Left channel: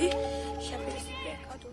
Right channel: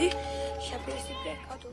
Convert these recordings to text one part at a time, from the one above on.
Italy, sempre si peccato.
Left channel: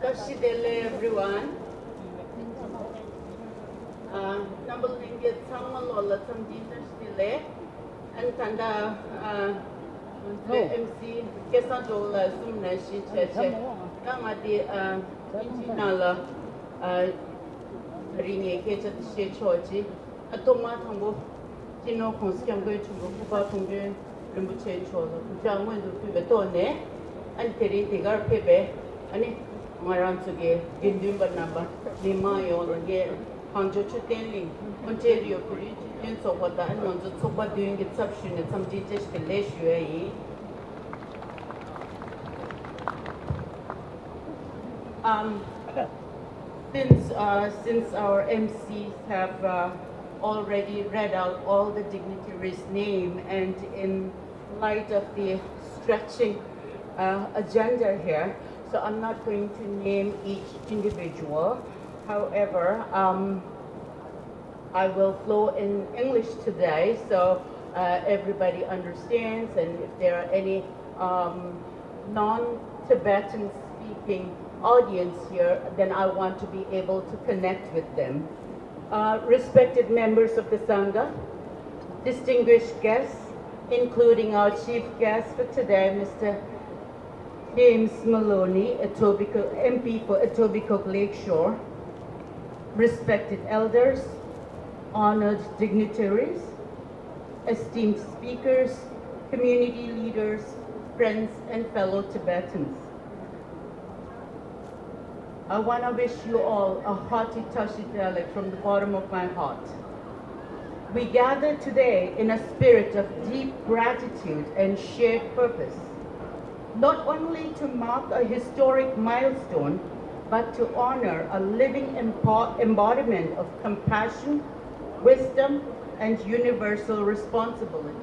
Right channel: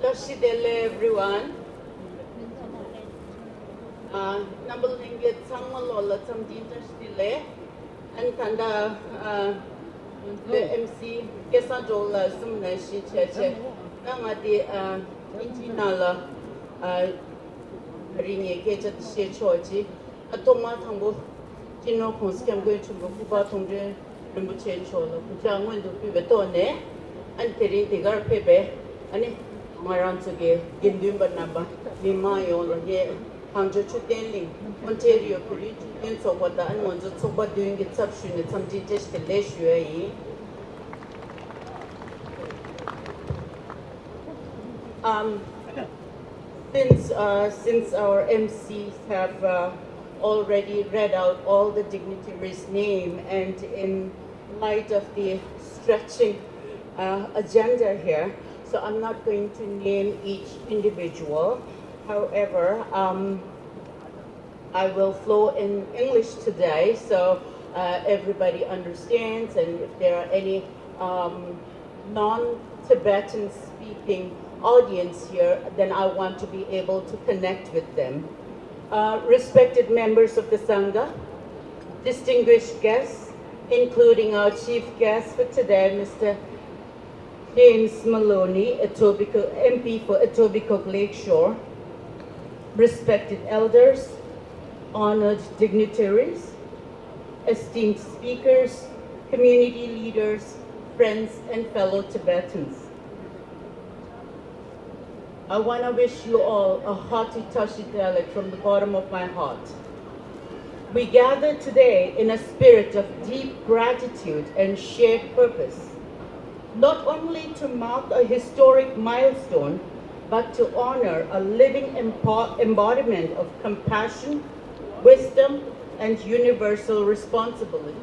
Dashidele everyone. Number linget samalola some dile and tanda le MC kesajola sumna shi cheche. Tanga di intinala ringe kecha she choji. Atoma tango tino konski I'm going to go kuba tongje rimbuche chola. Kuja ngwendu pibe tone and teri tigar pepe and Maran Suge, Gindumba number, Lima Yola, Panjo Chutenling, Ontario, Puri, and so what the Anmonzo Soba doing its substance, some teachers the Lesh UAE. Um, since our MCs have already read out all the dignitaries' name, and in light of the stretching agenda here, so I'm not going to name each individual. However, I will flow in English today, so everybody understands, and if there are any non-Tibetan speaking audience here, then I want to be able to connect with them. Respected members of the Sangha, distinguished guests, including our chief guest for today, Mr. James Maloney, MP for Etobicoke Lakeshore, respected elders, honored dignitaries, esteemed speakers, community leaders, friends, and fellow Tibetans. I want to wish you all a hearty Tashitele from the bottom of my heart. We gather today in a spirit of deep gratitude and shared purpose, not only to mark a historic milestone, but to honor a living embodiment of compassion, wisdom, and universal responsibility.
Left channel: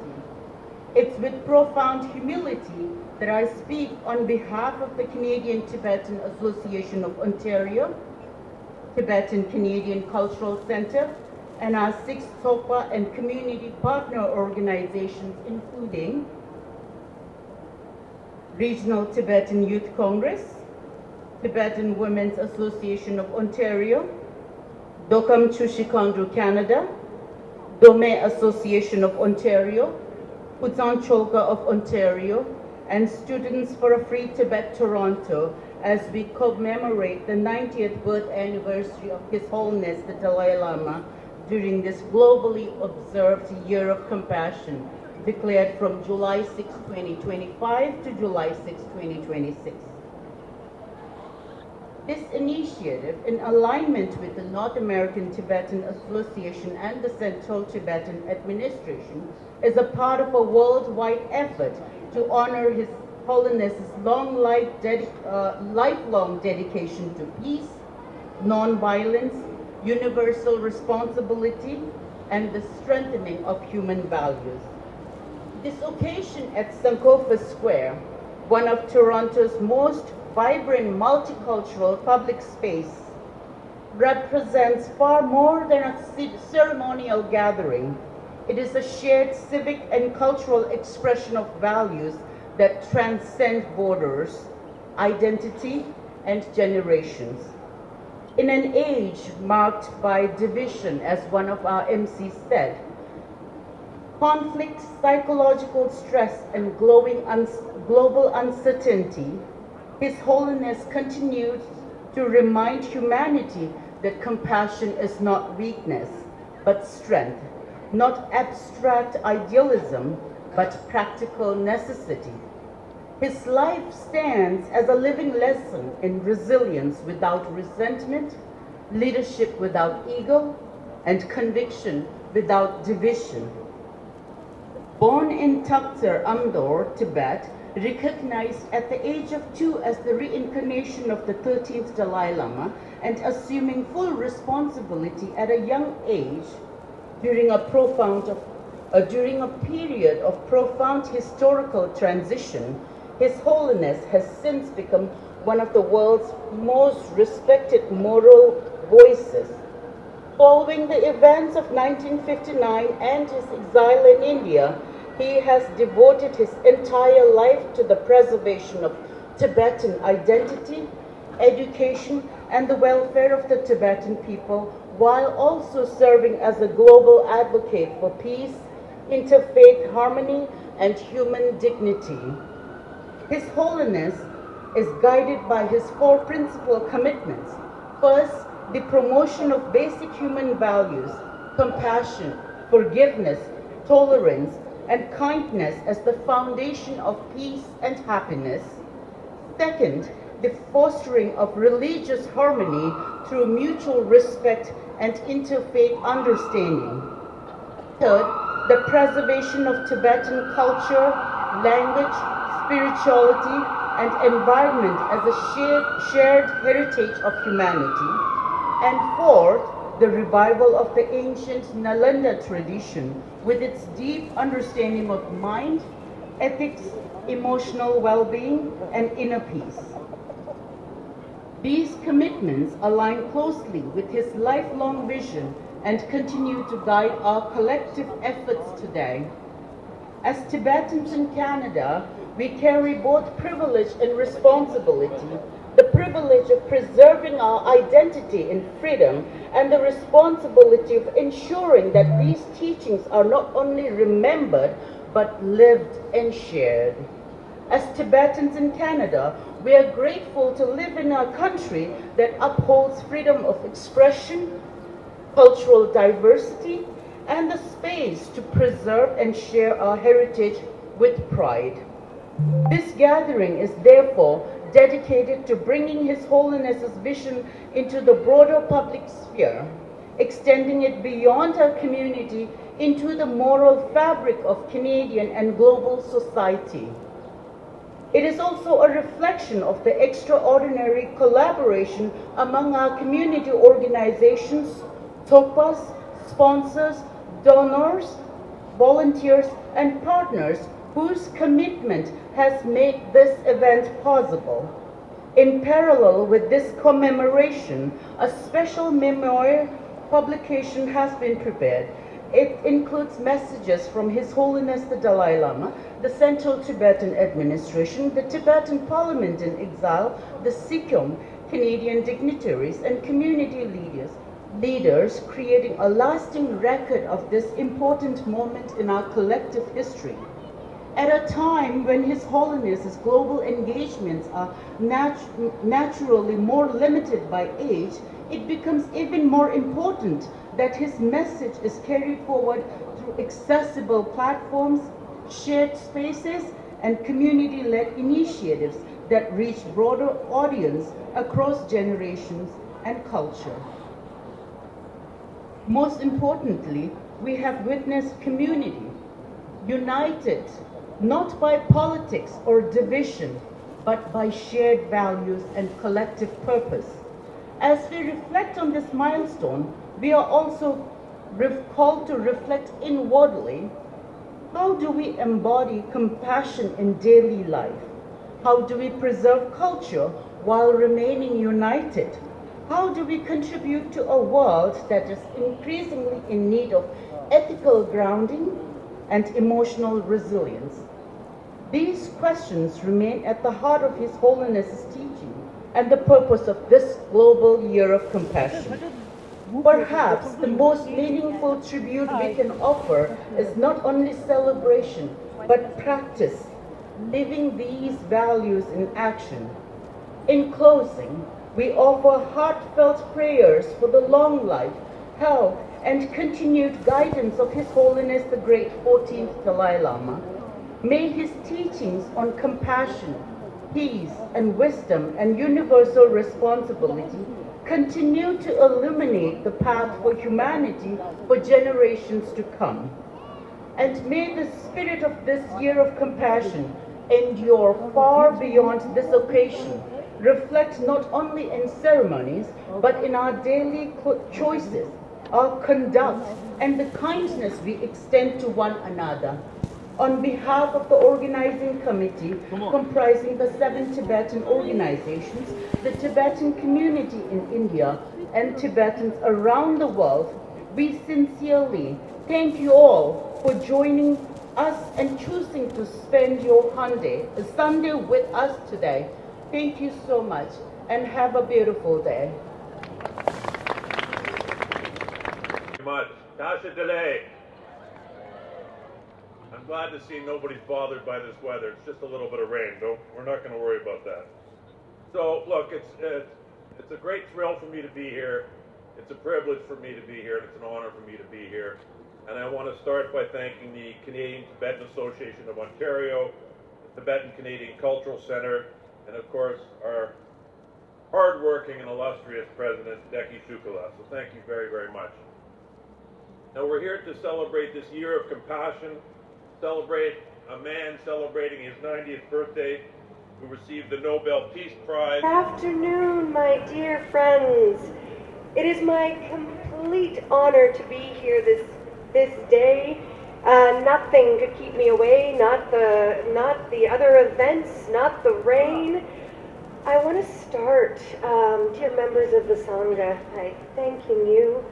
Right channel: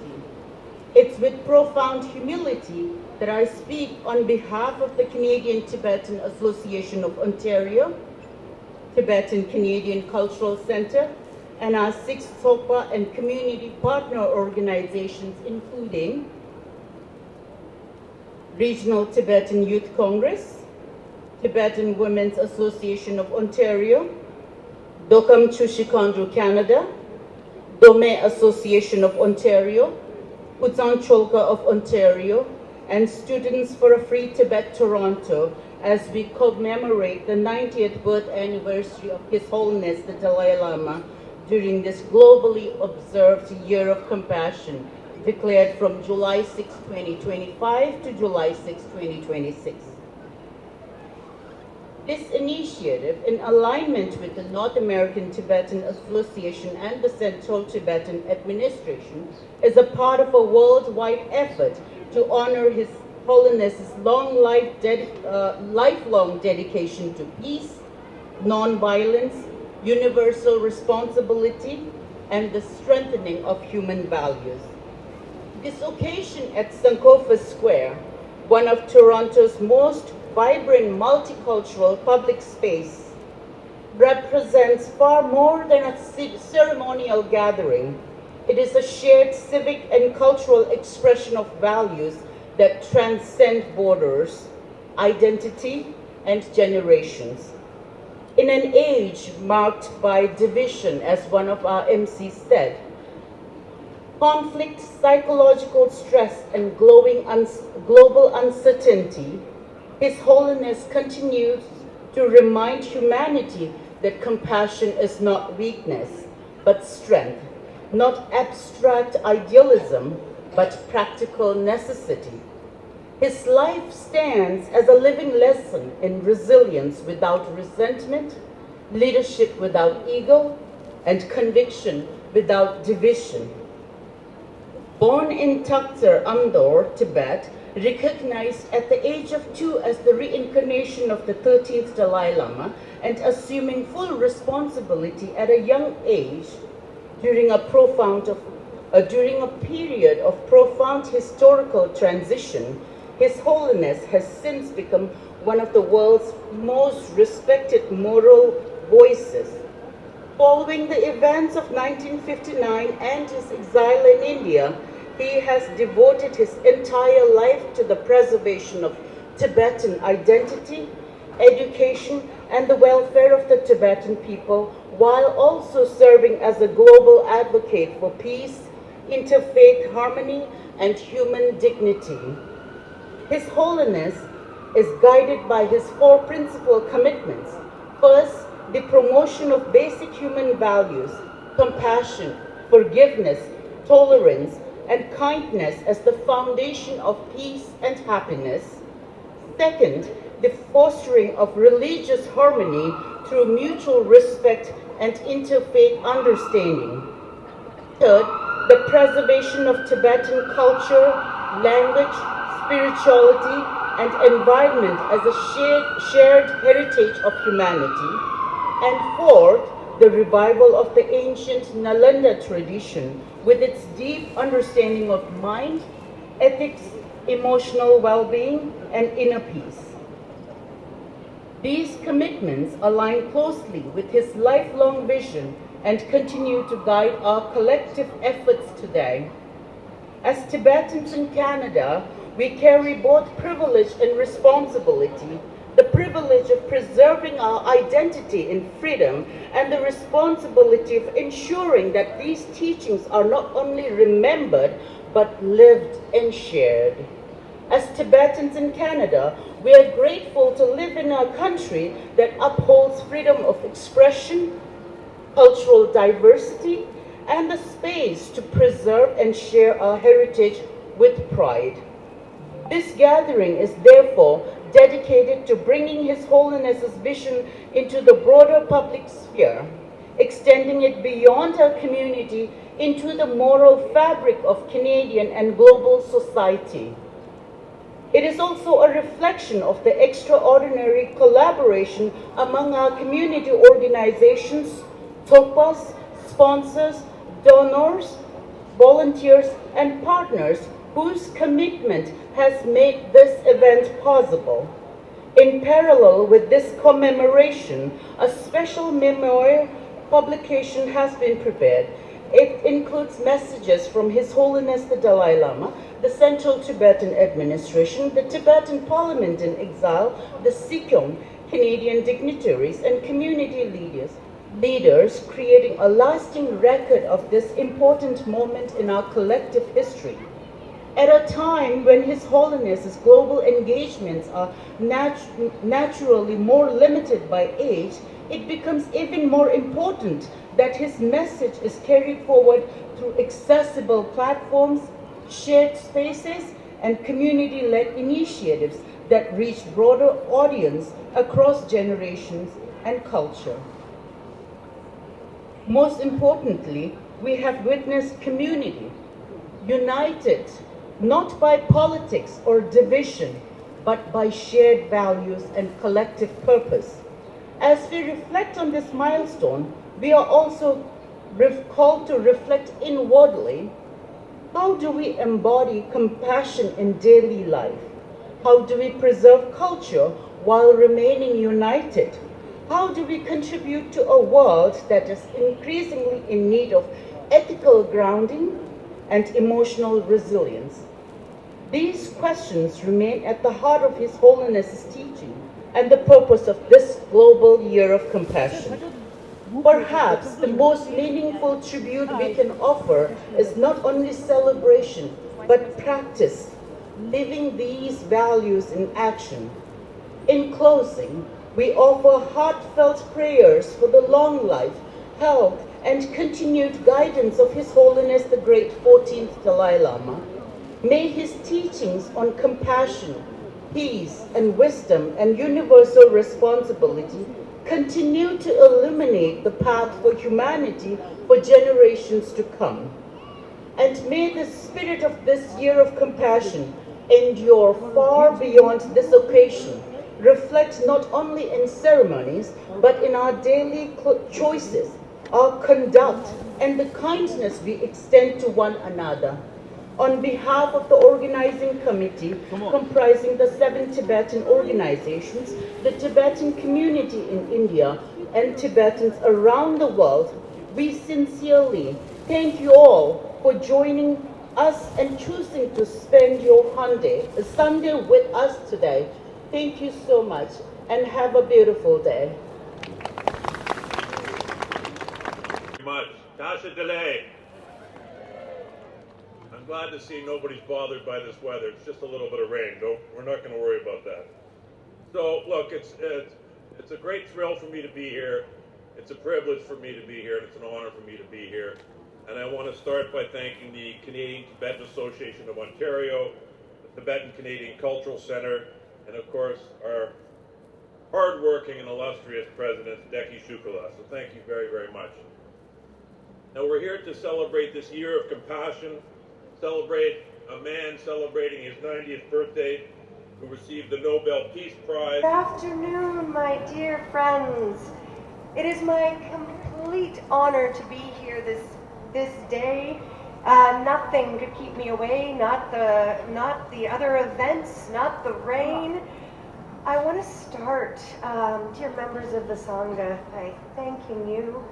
It's with profound humility that I speak on behalf of the Canadian Tibetan Association of Ontario, Tibetan Canadian Cultural Centre, and our 6 SOPA and community partner organizations, including Regional Tibetan Youth Congress, Tibetan Women's Association of Ontario, Dokam Chushikandru Canada, Dome Association of Ontario, Putsan Cholka of Ontario, and Students for a Free Tibet Toronto, as we commemorate the 90th birth anniversary of His Holiness the Dalai Lama during this globally observed Year of Compassion, declared from July 6, 2025 to July 6, 2026. This initiative, in alignment with the North American Tibetan Association and the Central Tibetan Administration, is a part of a worldwide effort to honor His Holiness's lifelong dedication to peace, non-violence, universal responsibility, and the strengthening of human values. This occasion at Sankofa Square, one of Toronto's most vibrant multicultural public space, represents far more than a ceremonial gathering. It is a shared civic and cultural expression of values that transcend borders, identity, and generations. In an age marked by division, as one of our MCs said, conflict, psychological stress, and global uncertainty, His Holiness continues to remind humanity that compassion is not weakness, but strength, not abstract idealism, but practical necessity. His life stands as a living lesson in resilience without resentment, leadership without ego, and conviction without division. Born in Takhtar Amdor, Tibet, recognized at the age of 2 as the reincarnation of the 13th Dalai Lama, and assuming full responsibility at a young age during a period of profound historical transition, His Holiness has since become one of the world's most respected moral voices. Following the events of 1959 and his exile in India, he has devoted his entire life to the preservation of Tibetan identity, education, and the welfare of the Tibetan people, while also serving as a global advocate for peace, interfaith harmony, and human dignity. His Holiness is guided by his 4 principal commitments. First, the promotion of basic human values, compassion, forgiveness, tolerance, and kindness as the foundation of peace and happiness. Second, the fostering of religious harmony through mutual respect and interfaith understanding. Third, the preservation of Tibetan culture, language, spirituality, and environment as a shared heritage of humanity. And fourth, the revival of the ancient Nalanda tradition with its deep understanding of mind, ethics, emotional well-being, and inner peace. These commitments align closely with his lifelong vision and continue to guide our collective efforts today. As Tibetans in Canada, we carry both privilege and responsibility, the privilege of preserving our identity in freedom and the responsibility of ensuring that these teachings are not only remembered but lived and shared. As Tibetans in Canada, we are grateful to live in a country that upholds freedom of expression, cultural diversity, and the space to preserve and share our heritage with pride. This gathering is therefore dedicated to bringing His Holiness's vision into the broader public sphere, extending it beyond our community into the moral fabric of Canadian and global society. It is also a reflection of the extraordinary collaboration among our community organizations, TOPAs, sponsors, donors, volunteers, and partners whose commitment has made this event possible. In parallel with this commemoration, a special memoir publication has been prepared. It includes messages from His Holiness the Dalai Lama, the Central Tibetan Administration, the Tibetan Parliament in Exile, the Sikkim, Canadian dignitaries, and community leaders creating a lasting record of this important moment in our collective history. At a time when His Holiness's global engagements are naturally more limited by age, it becomes even more important that his message is carried forward through accessible platforms, shared spaces, and community-led initiatives that reach broader audience across generations and culture. Most importantly, we have witnessed community, united not by politics or division, but by shared values and collective purpose. As we reflect on this milestone, we are also called to reflect inwardly. How do we embody compassion in daily life? How do we preserve culture while remaining united? How do we contribute to a world that is increasingly in need of ethical grounding and emotional resilience? These questions remain at the heart of His Holiness's teaching and the purpose of this global year of compassion. Perhaps the most meaningful tribute we can offer is not only celebration, but practice, living these values in action. In closing, we offer heartfelt prayers for the long life, health, and continued guidance of His Holiness the Great 14th Dalai Lama. May his teachings on compassion, peace, and wisdom and universal responsibility continue to illuminate the path for humanity for generations to come. And may the spirit of this year of compassion endure far beyond this occasion, reflect not only in ceremonies, but in our daily choices, our conduct, and the kindness we extend to one another. On behalf of the organizing committee, comprising the 7 Tibetan organizations, the Tibetan community in India, and Tibetans around the world, we sincerely thank you all for joining us and choosing to spend your Sunday with us today. Thank you so much, and have a beautiful day. Much. Tasha Dalai. I'm glad to see nobody's bothered by this weather. It's just a little bit of rain. We're not going to worry about that. So look, it's a great thrill for me to be here. It's a privilege for me to be here, and it's an honor for me to be here. And I want to start by thanking the Canadian Tibetan Association of Ontario, the Tibetan Canadian Cultural Centre, and of course our hardworking and illustrious president, Deki Shukala. So thank you very, very much. Now we're here to celebrate this year of compassion, celebrate a man celebrating his 90th birthday, who received the Nobel Peace Prize. Good afternoon, my dear friends. It is my complete honor to be here this day. Nothing could keep me away, not the other events, not the rain. I want to start, dear members of the Sangha, by thanking you,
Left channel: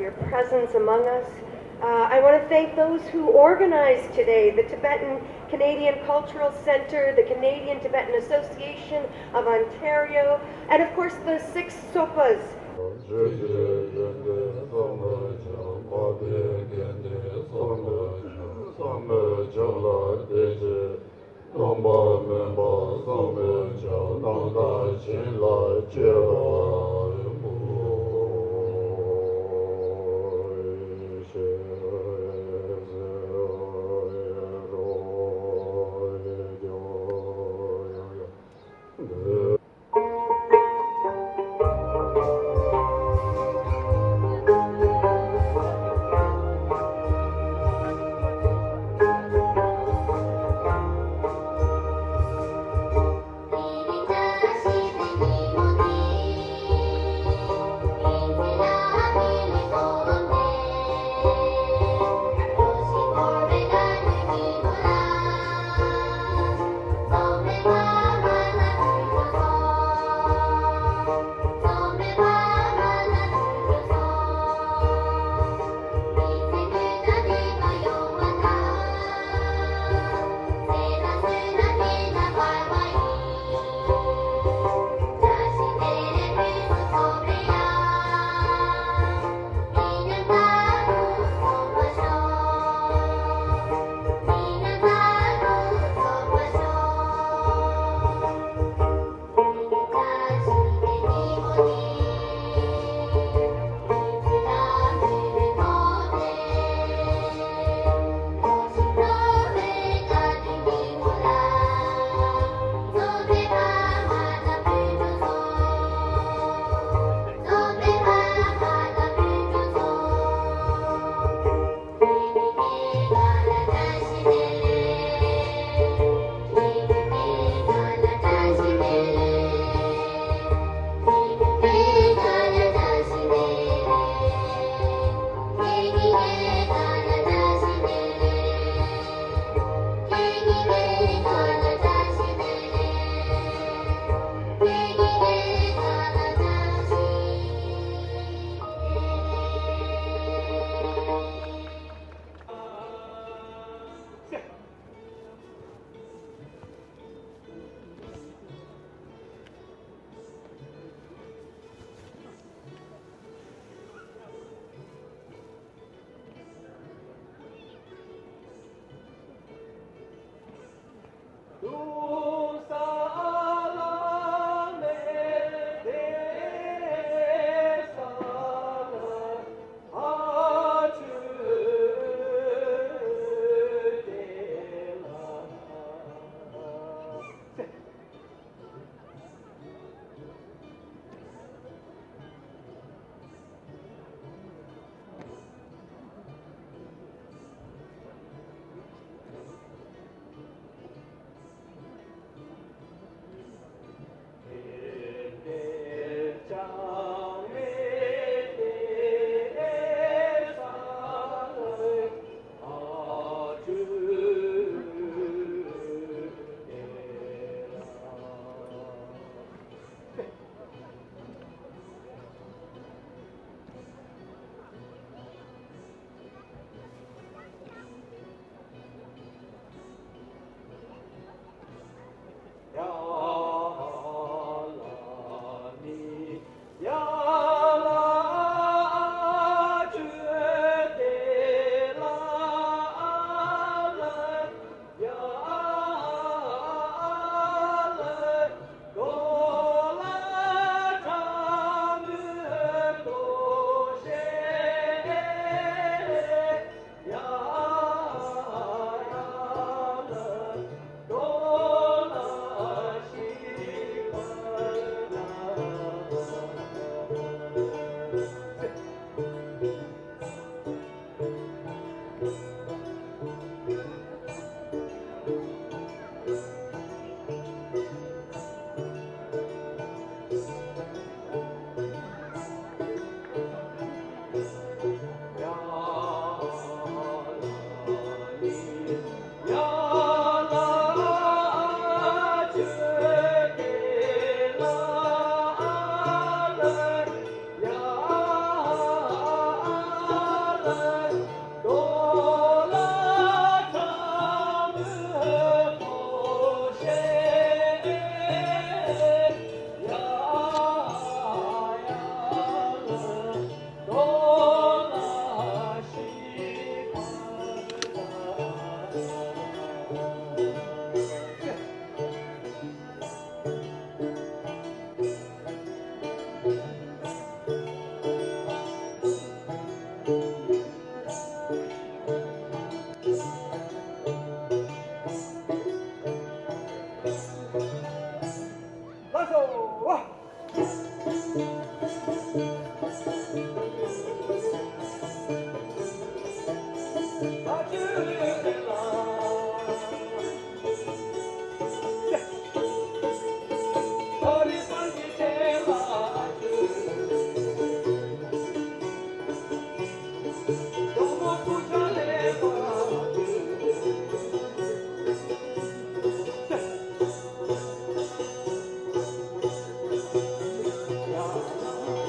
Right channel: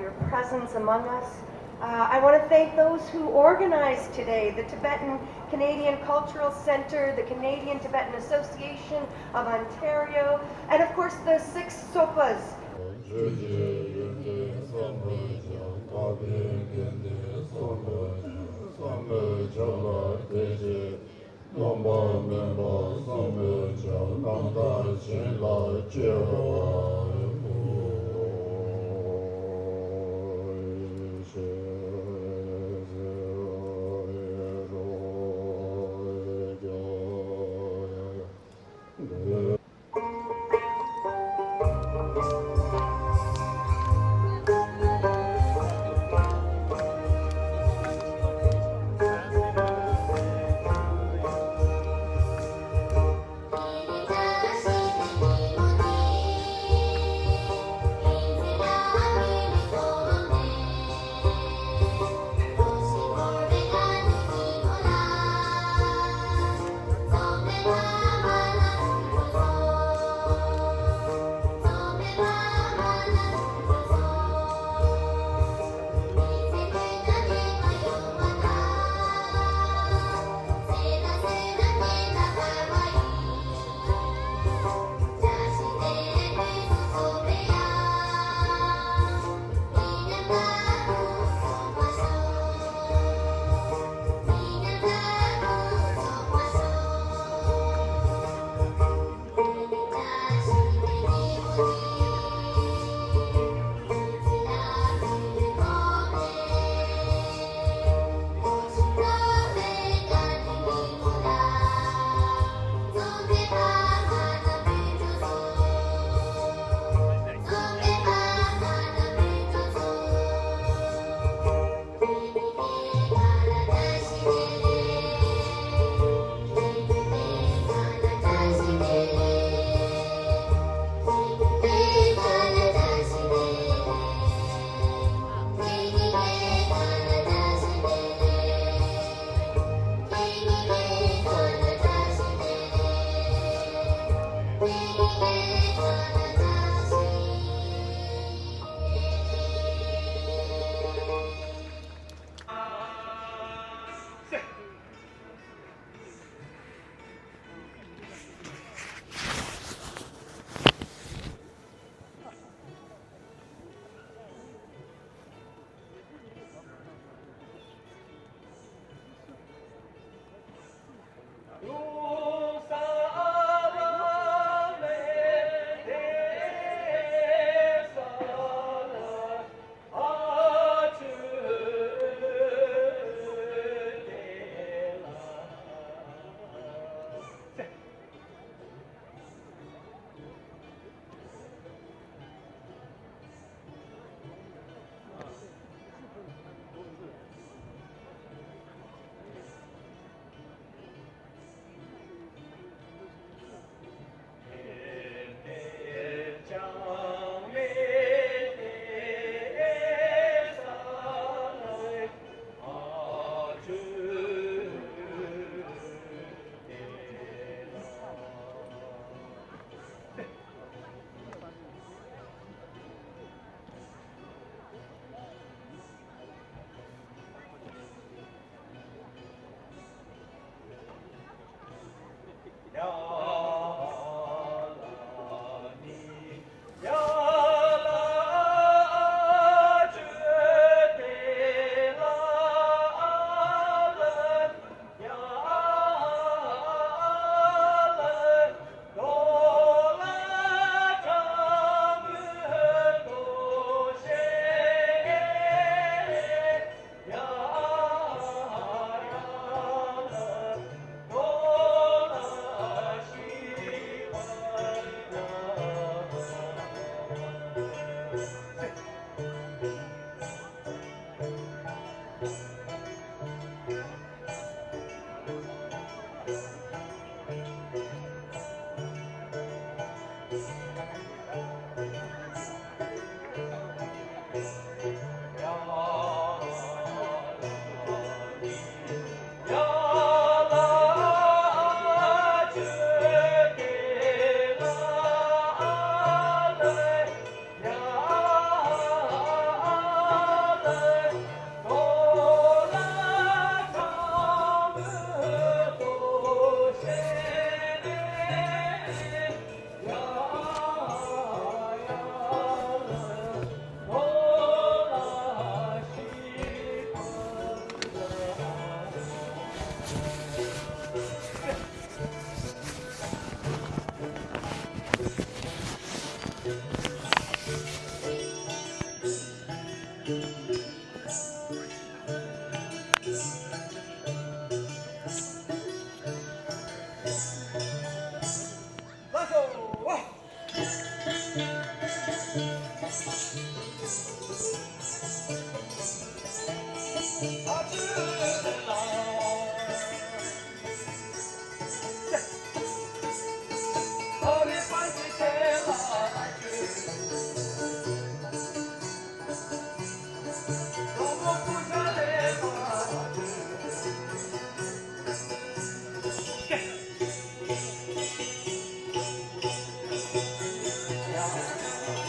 your presence among us. I want to thank those who organized today, the Tibetan Canadian Cultural Centre, the Canadian Tibetan Association of Ontario, and of course the 6 Sopas.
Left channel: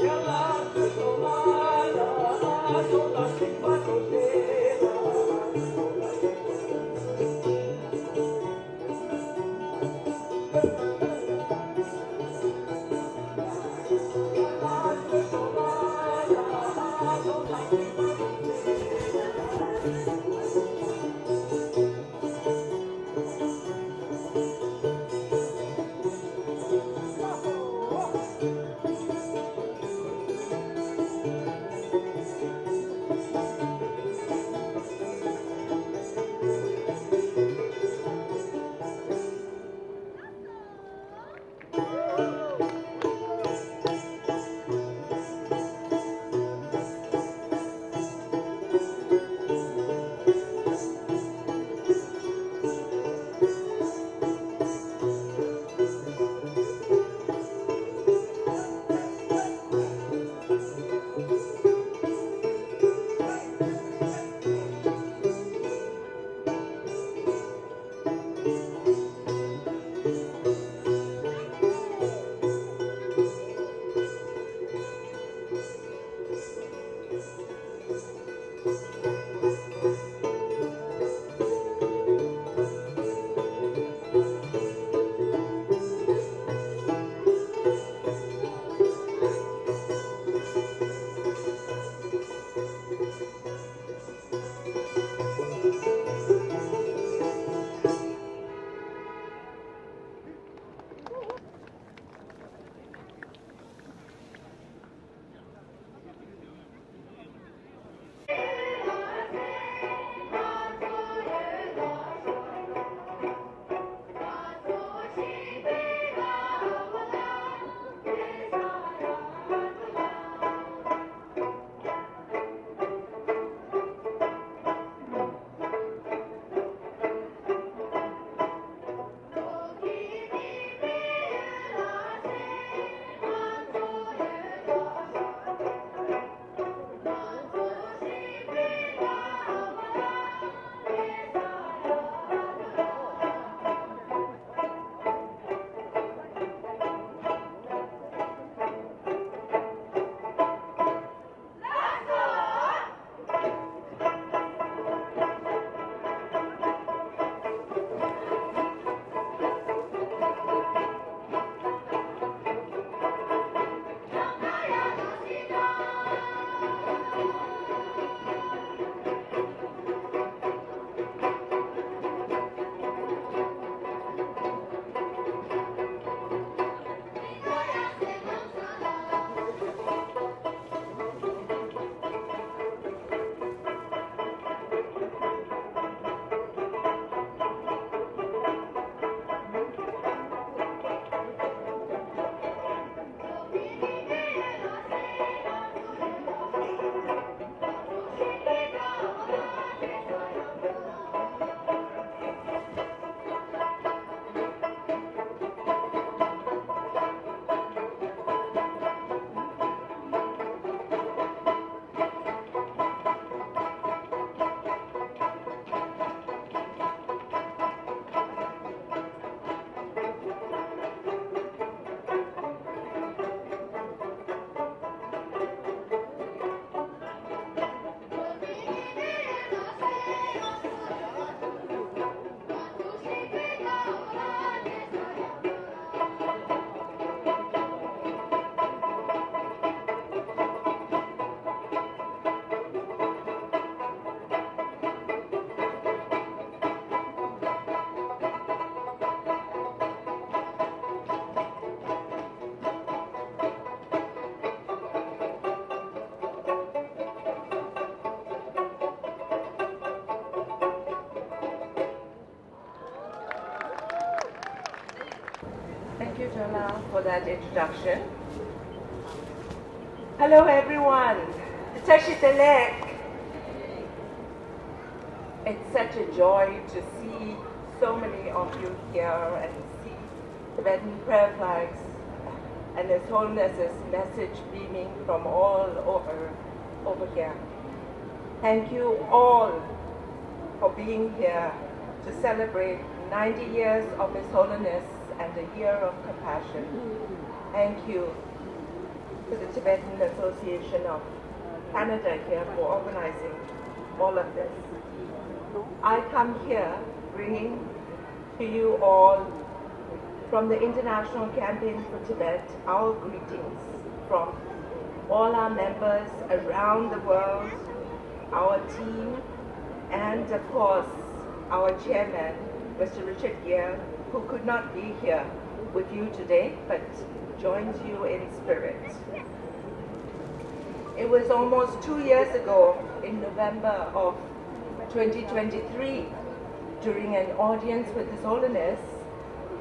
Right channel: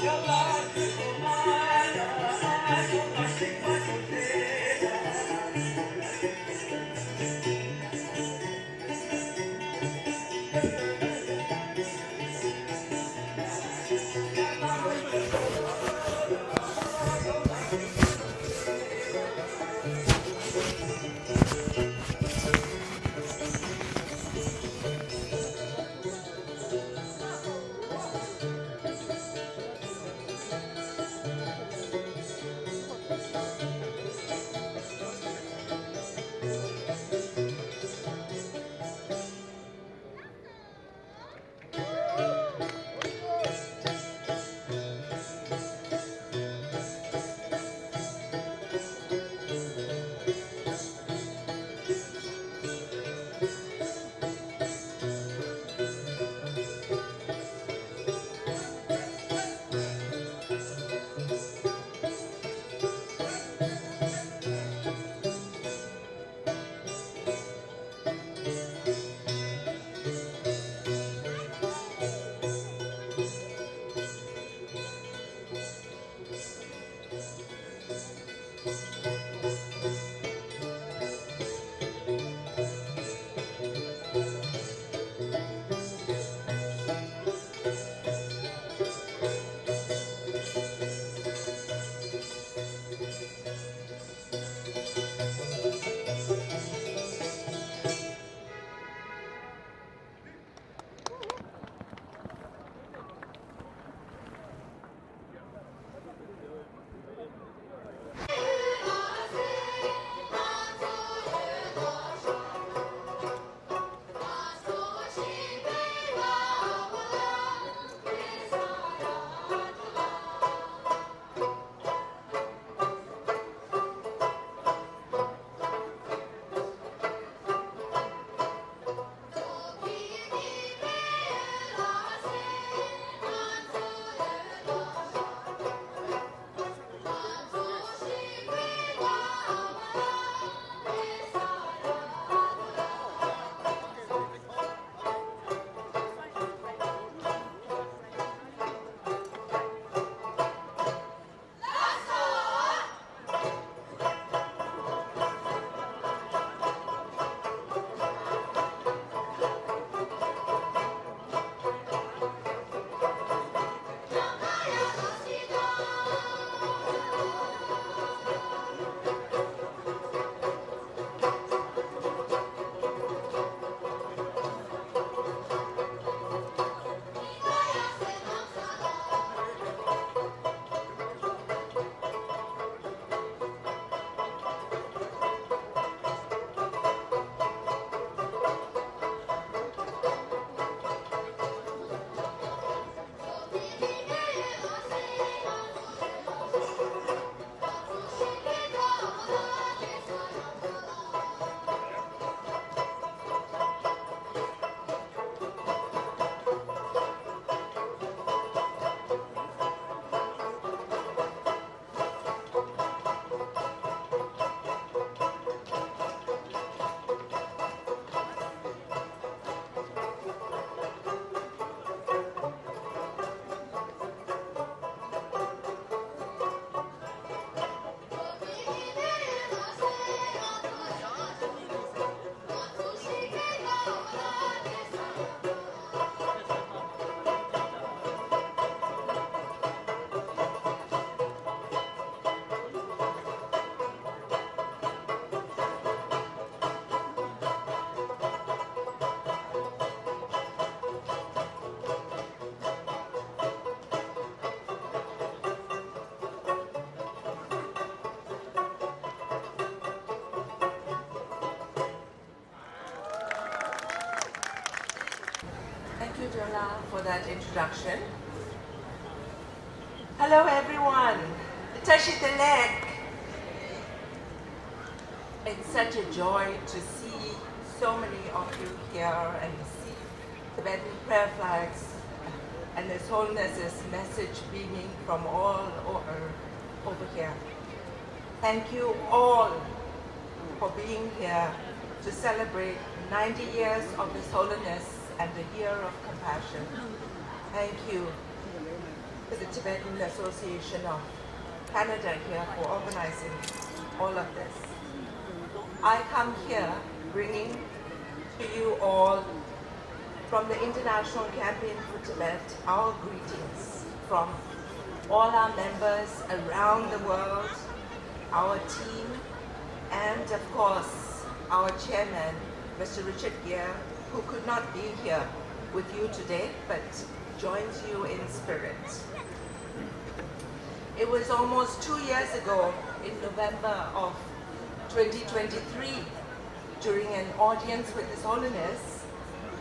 Your life is you, Jonah, for that introduction. Hello, everyone. Tashitalek. It's such a joy to see so many of you here and see Tibetan prayer flags and His Holiness's message beaming from all over here. Thank you all for being here to celebrate 90 years of His Holiness and the Year of Compassion. Thank you to the Tibetan Association of Canada here for organizing all of this. I come here bringing to you all from the International Campaign for Tibet our greetings from all our members around the world, our team, and of course our chairman, Mr. Richard Gere, who could not be here with you today but joins you in spirit. It was almost 2 years ago in November of 2023 during an audience with His Holiness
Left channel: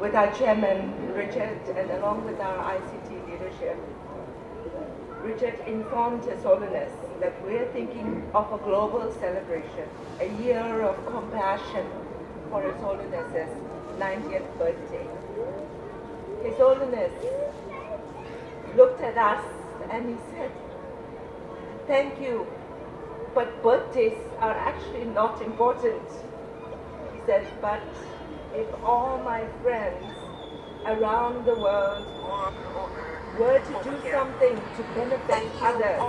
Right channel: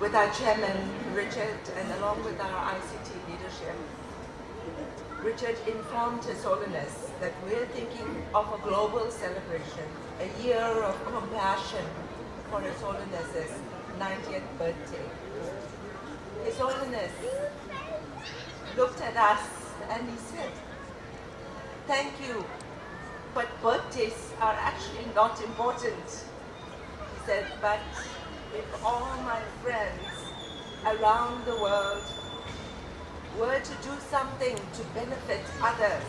with our chairman Richard and along with our ICT leadership. Richard informed His Holiness that we're thinking of a global celebration, a year of compassion for His Holiness's 90th birthday. His Holiness looked at us and he said, "Thank you, but birthdays are actually not important." He said, "But if all my friends around the world were to do something to benefit others,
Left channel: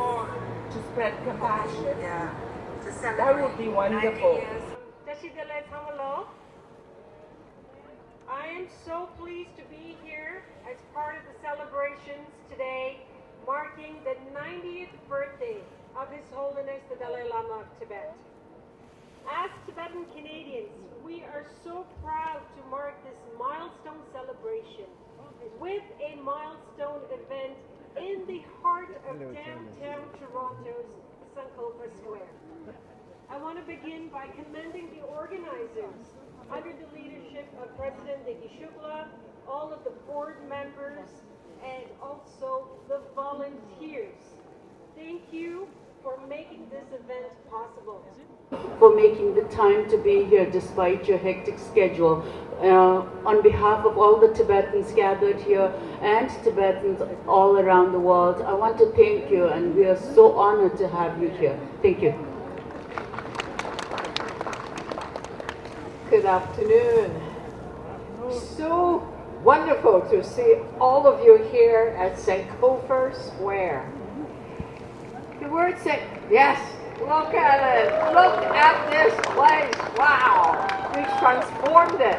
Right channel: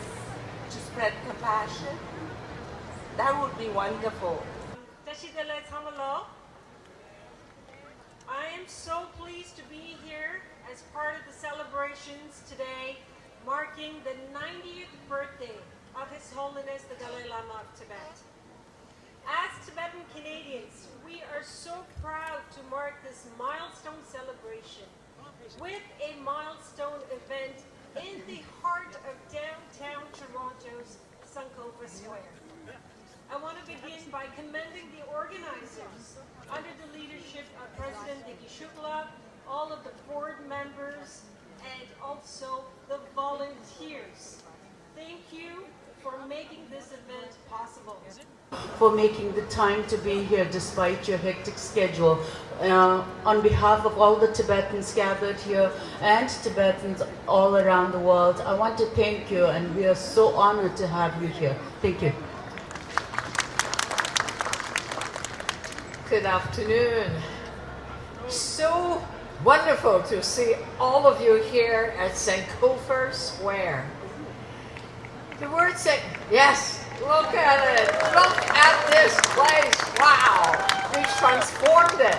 to spread compassion, that would be wonderful." I am so pleased to be here as part of the celebrations today marking the 90th birthday of His Holiness the Dalai Lama of Tibet. As Tibetan Canadians, we are so proud to mark this milestone celebration with a milestone event in the heart of downtown Toronto's Sankofa Square. I want to begin by commending the organizers under the leadership of President Nikki Shukla, all of the board members, and also the volunteers. Thank you for making this event possible. For making the time to be here despite your hectic schedule. On behalf of all the Tibetans gathered here and Tibetans all around the world, I want to thank you, and we are so honored to have you here. Thank you. Good afternoon. So wonderful to see all of you here at Sankofa Square. The word yes, look at it. Look at this place. Wow, we transformed it.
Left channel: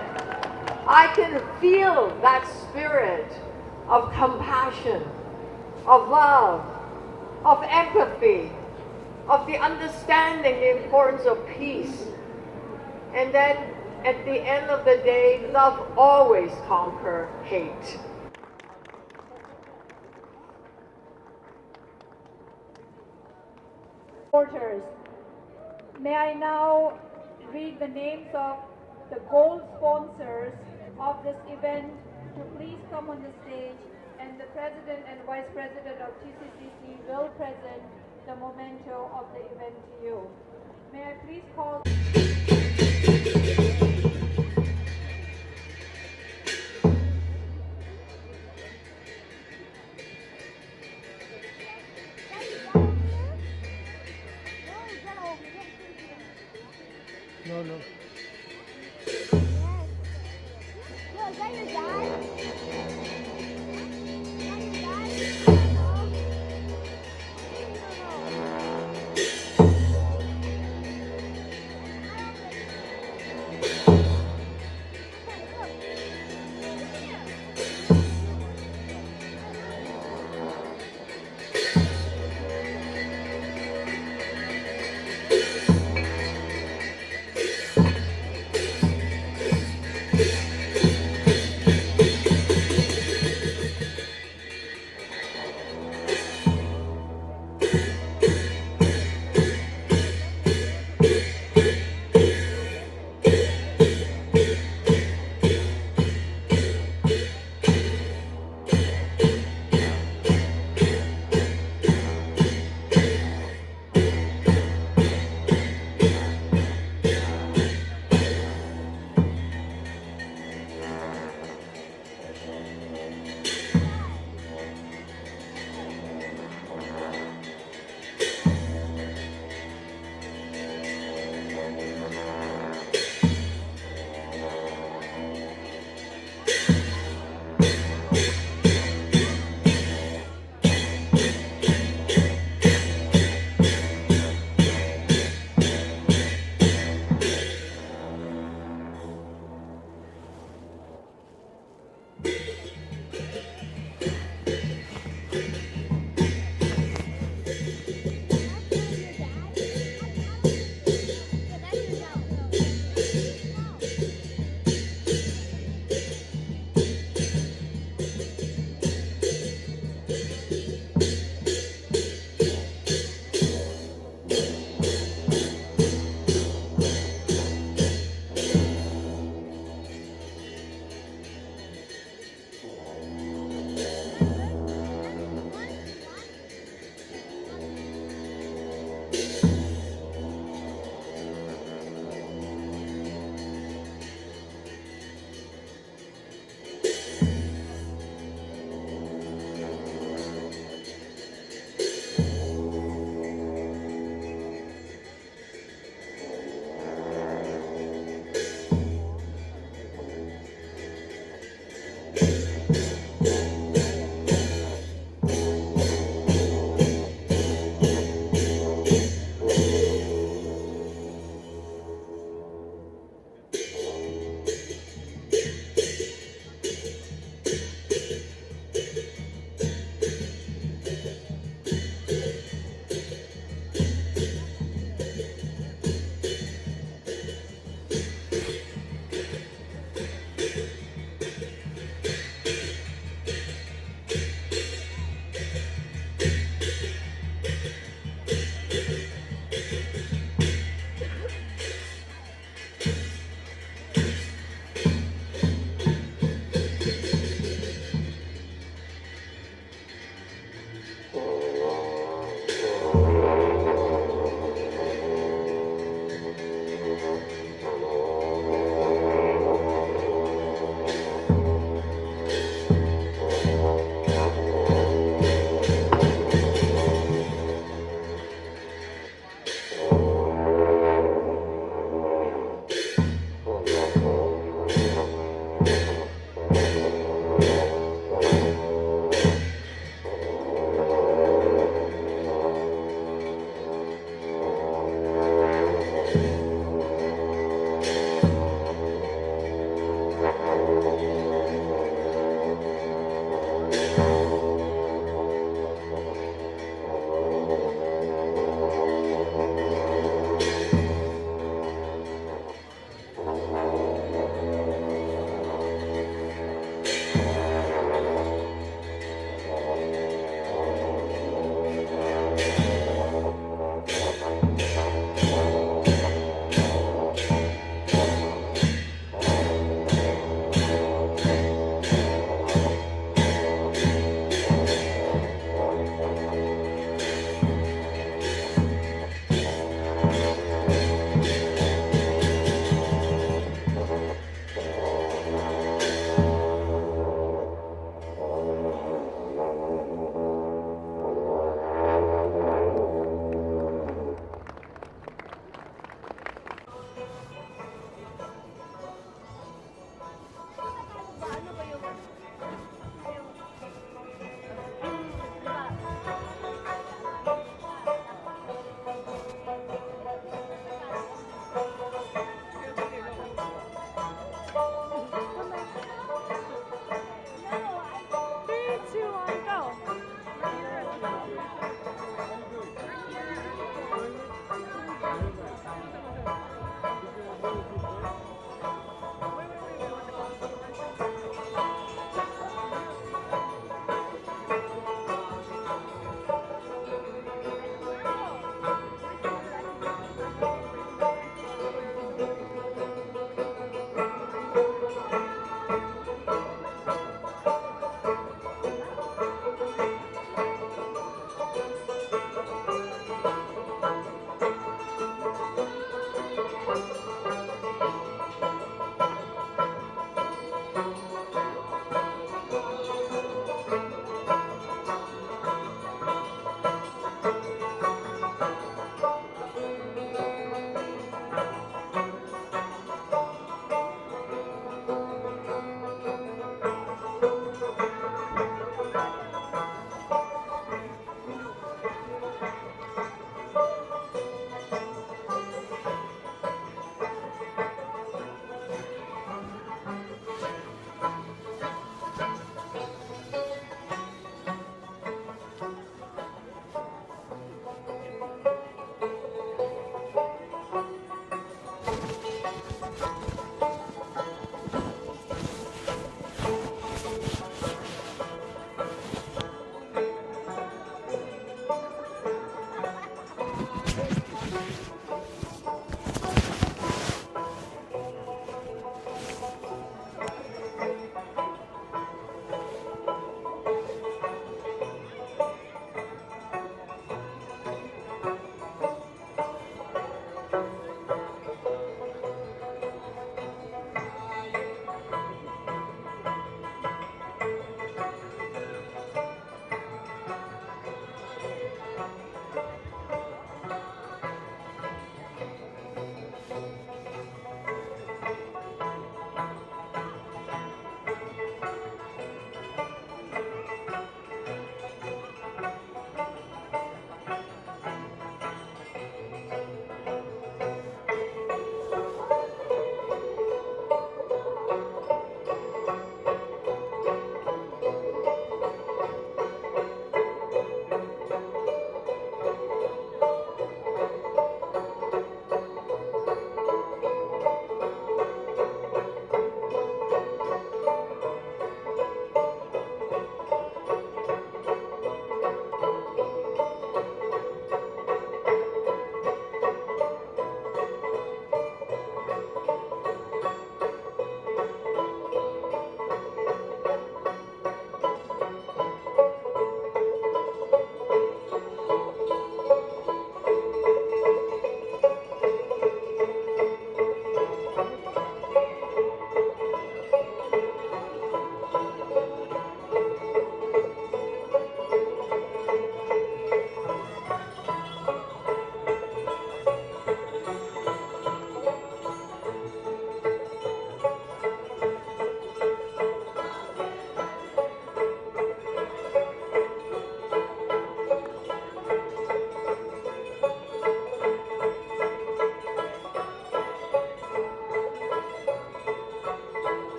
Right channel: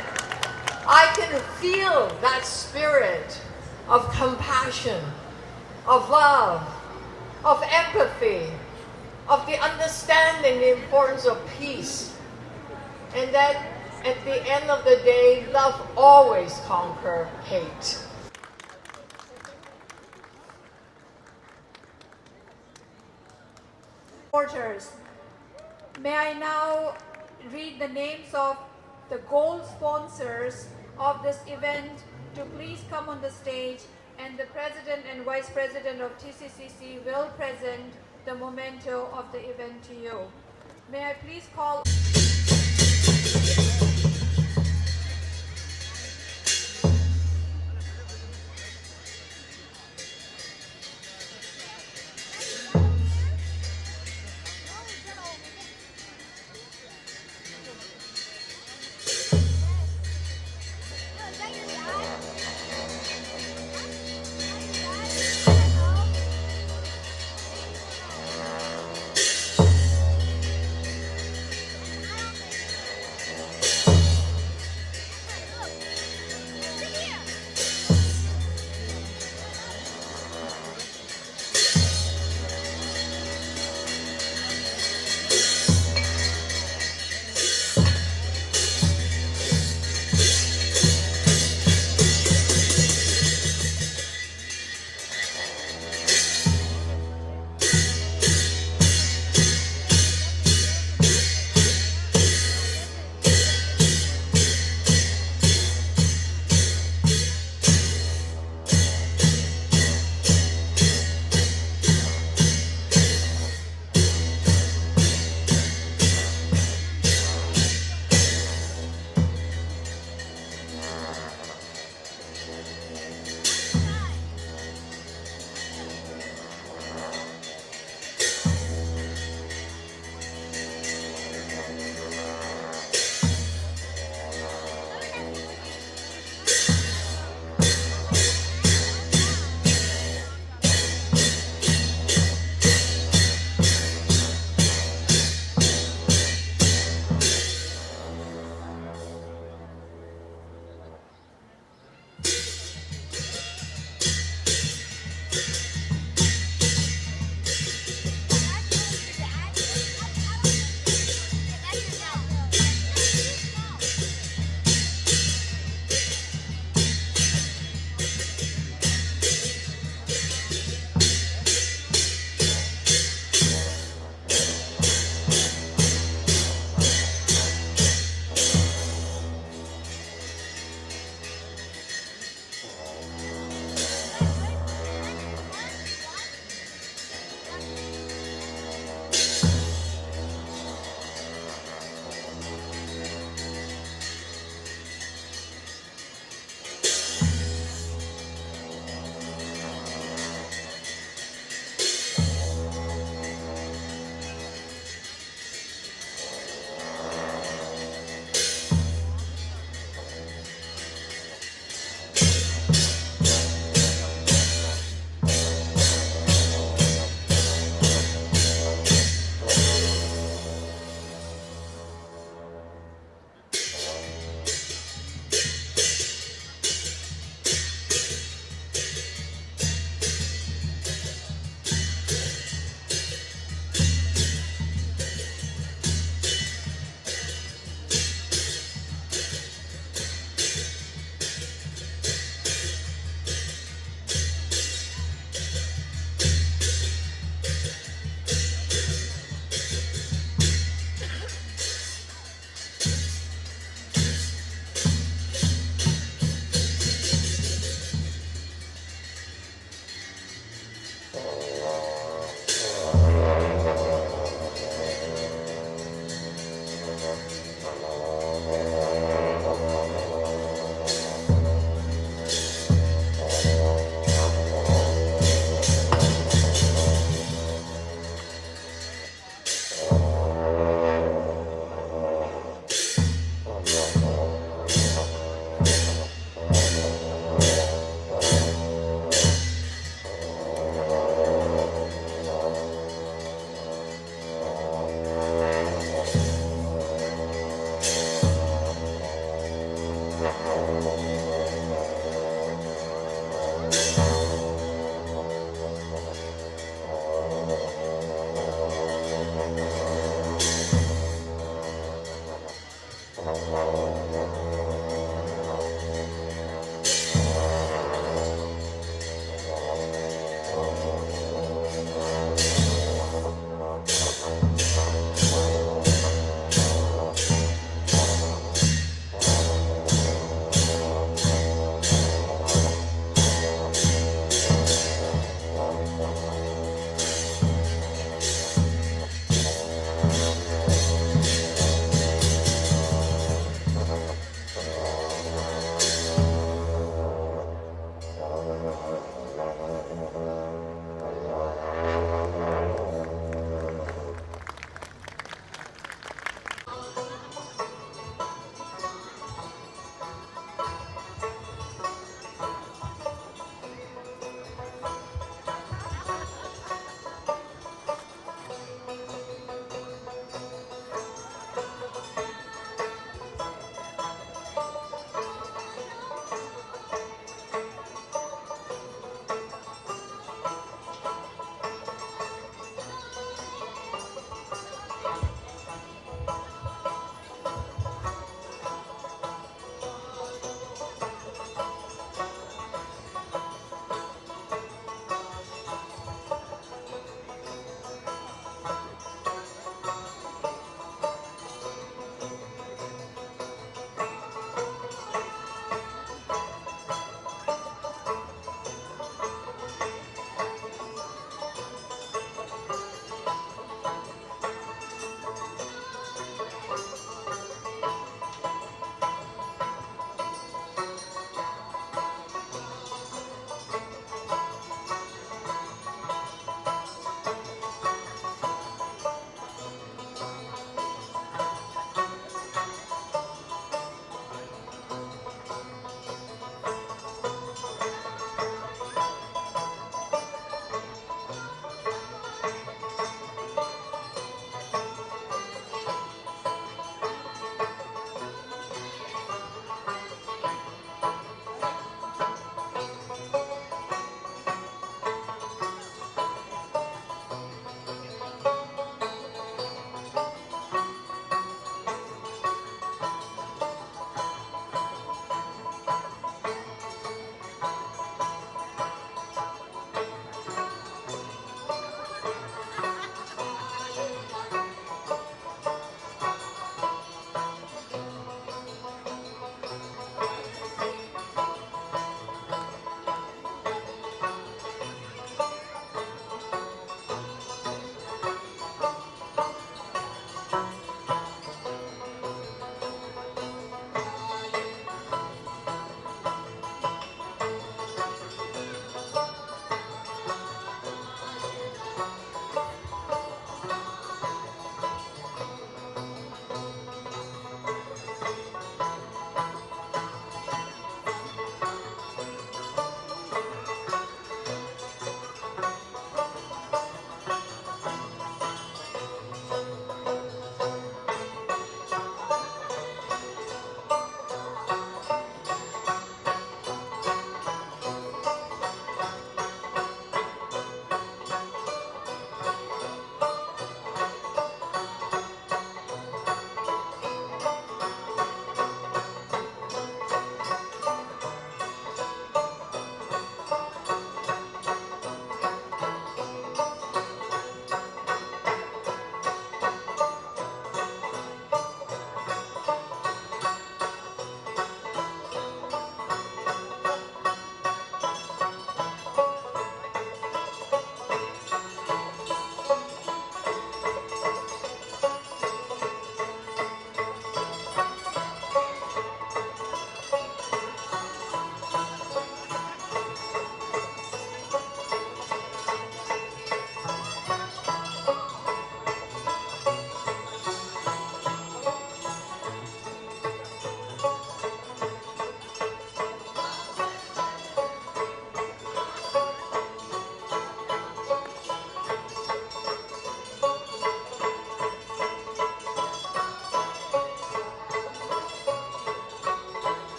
I can feel that spirit of compassion, of love, of empathy, of the understanding the importance of peace, and that at the end of the day, love always conquers hate. Supporters. May I now read the names of the gold sponsors of this event to please come on the stage, and the President and Vice President of TCCC will present the memento of the event to you. May I please call...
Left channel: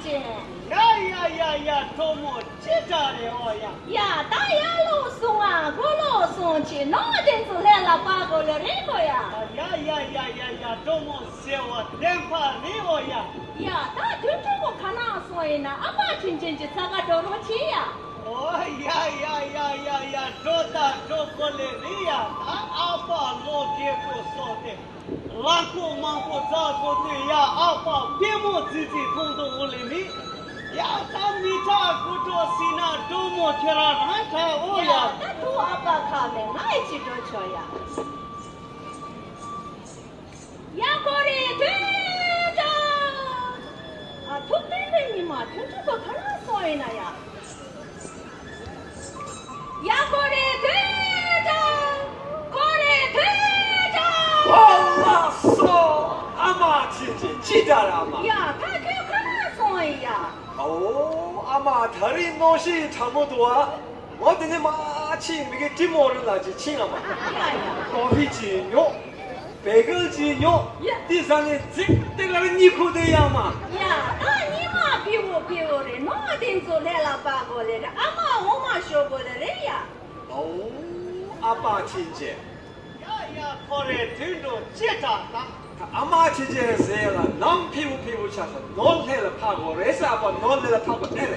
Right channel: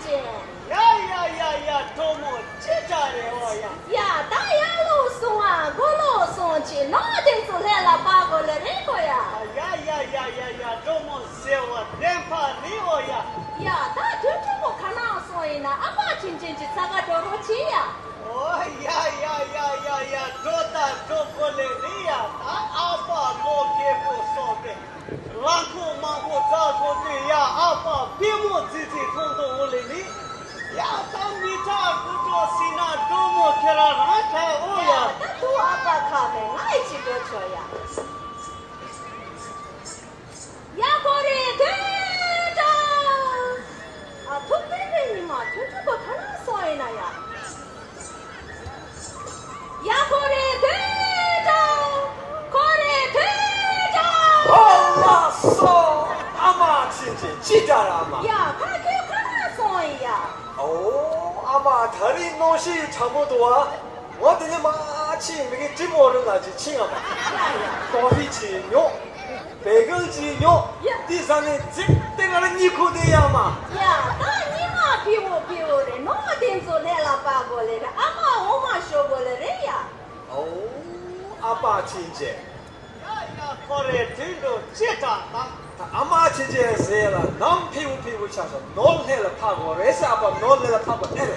진진. 야야야야 도모 진짜래 어야. 야, 다야로 송아, 골로 송치, 너한테서 해라 바고를 거야. 야야야야야 도모 세워 댐파 리어야. 야, 다 저쪽고 가나 소이나 아마 진진지 사가도록 지야. 야야야야야 도다 도콜레리야. 아빠 로케포 소데. 랑코 망코 자고리야 아빠 비모 지지 통도 올리니. 야, 미타 구토시나 도모 캐라라타 오야. 야, 나도 아빠 가면 나이 지도 줘야. 야, 거리 대다. 아, 톡대배님아, 저쪽고 가나 소이나야. 야, 거리 대다. 거리 대다. 올랐어 아마 진짜 아마 야, 가게 가나 소이야. 오 아마 다리 노시 참고도와 어디니 마침 이게 기모를 나지 칭아마 커피지뇨 베글지뇨 디산에 직대가는 니코데야마 야, 나 니마 비오래. 너 어딘서 내라 바보래. 아마 오마 쇼보래야. 오 아빠 진짜 야야 코레 들도 찌다다. 아마 진짜 세라 넌 피우 차서 넌 해라 파고 레사 아빠 넌 해라 파고 에레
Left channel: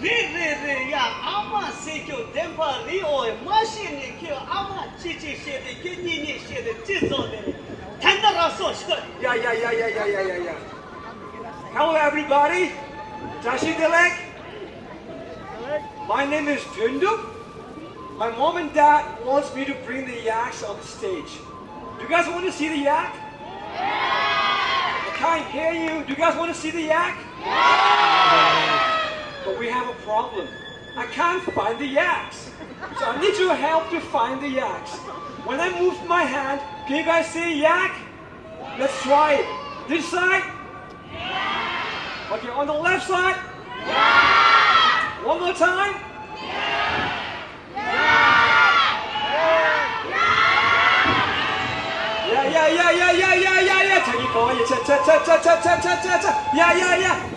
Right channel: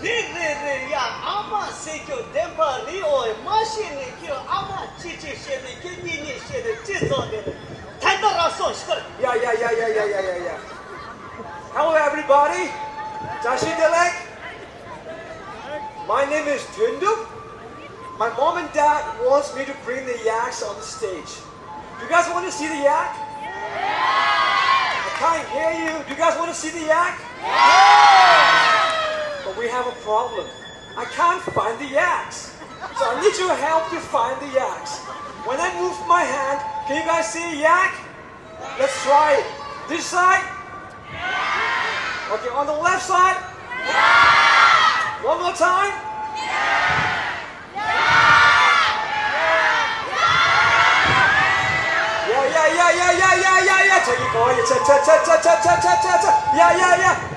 리리리야 아마 세교 댐파 리오에 마시니 키 아마 치치 셰데 키니니 셰데 찌소데. 탄다라서 시거. 야야야야야야야야 Hello everybody 자시들ek My name is Tundu My mom and dad wants me to bring the yaks on the stage. Do you guys want to see the yak? I can't hear you. Do you guys want to see the yak? But we have a problem. I can't find the yaks. So I need your help to find the yaks. When I move my hand, can you guys see a yak? Let's try it. This side? Okay, on the left side? One more time? Yeah. 저기 거기 차차차차차차차차차 야야야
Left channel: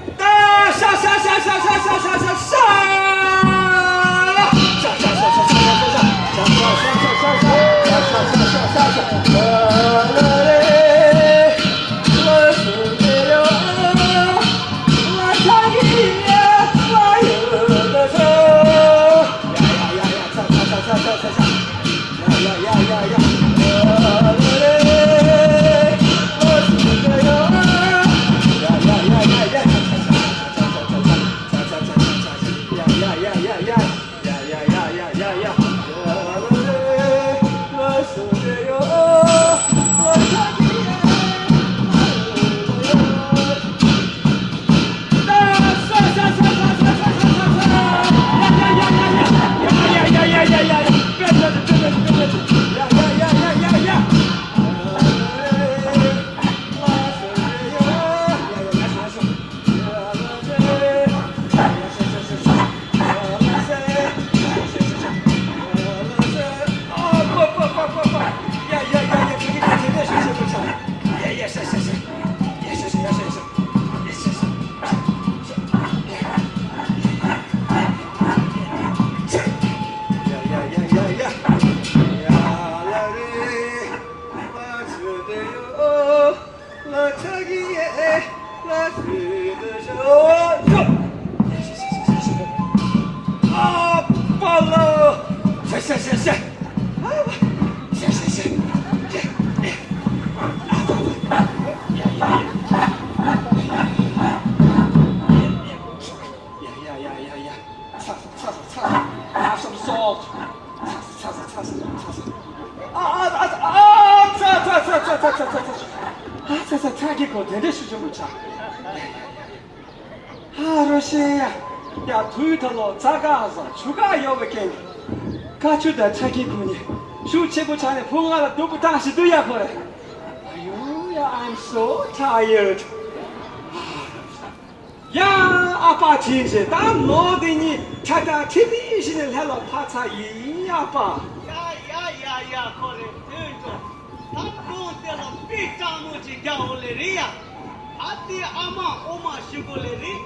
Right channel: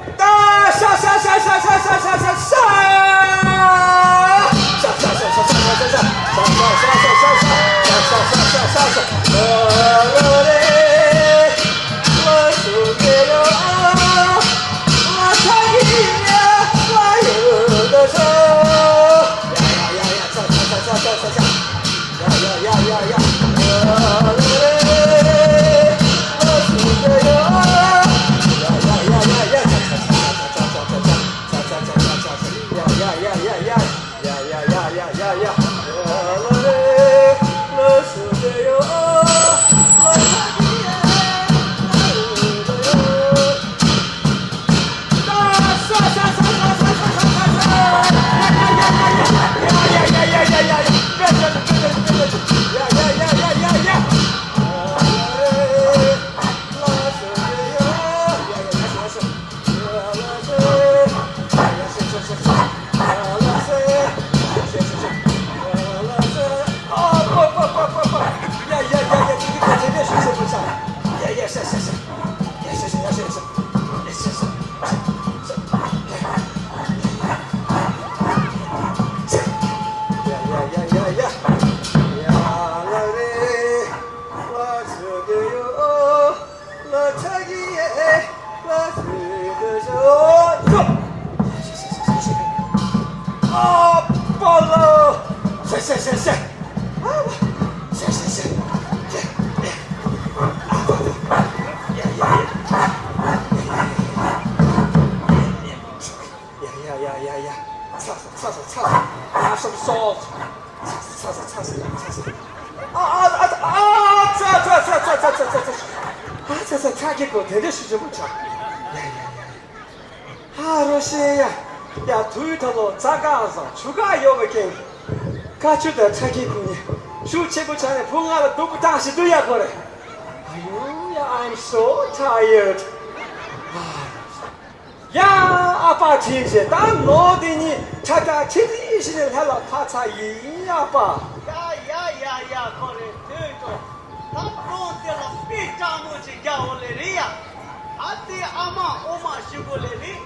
Have some salt. 자기고 대대수 좀 자. 러시아. 야, 두이터로 작아서 추가 요렇게 가추다 자기군이 슈체부 전에 봉하다 누구 다시 두야 그래. 아유, I'm so tired. 야, 아빠 진짜 난 너더니 자다 치리신을 해라 타차 이 아빠. 야야야야 거래 들도 나본데라 삐짜무지 겨울레리야 아띠 아마 오마 시골레리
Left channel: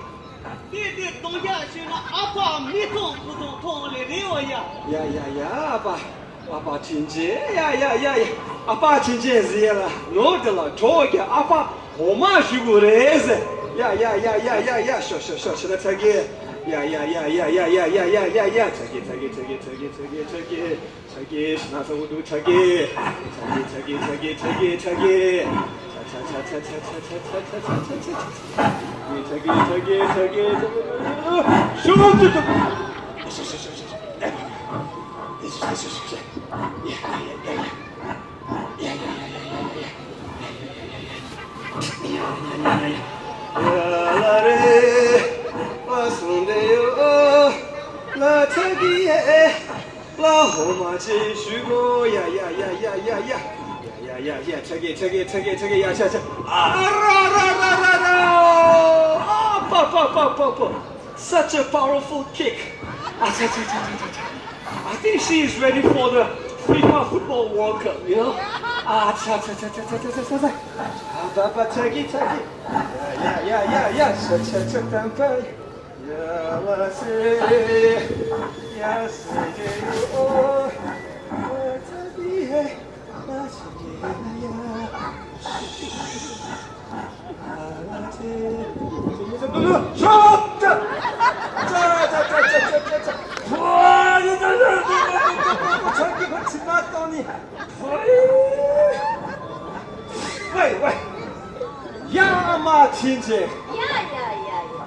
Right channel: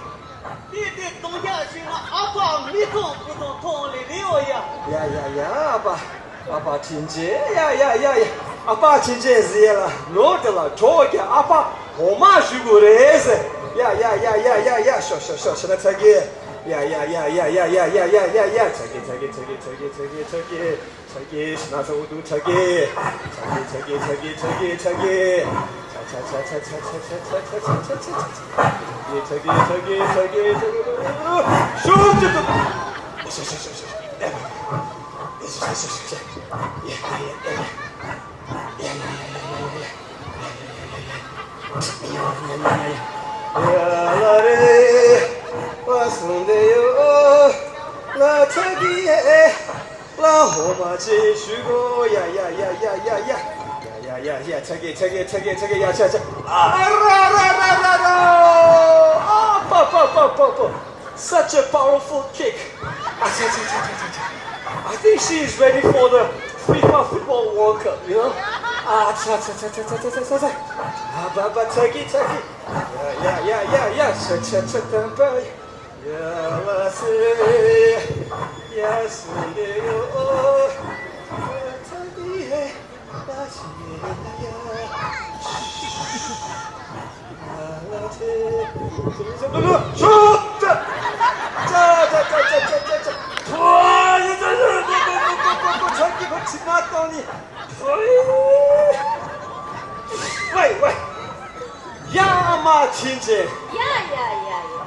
신나 아빠 미통 부통 통리 리오야. 야야야 아빠 진짜 야야야야 아빠 진짜 지라 너들아 저기 아빠 엄마 죽으래세 야야야야야야 쇼쇼쇼 저기 야야야야야야야야야 저기 신나서 우두 저기 Such a powerful kick. I think she is ready for the FIFA Football World Cup, you know? Taggy. Yeah. Yeah, let's see. Yes, oh, 야마 진짜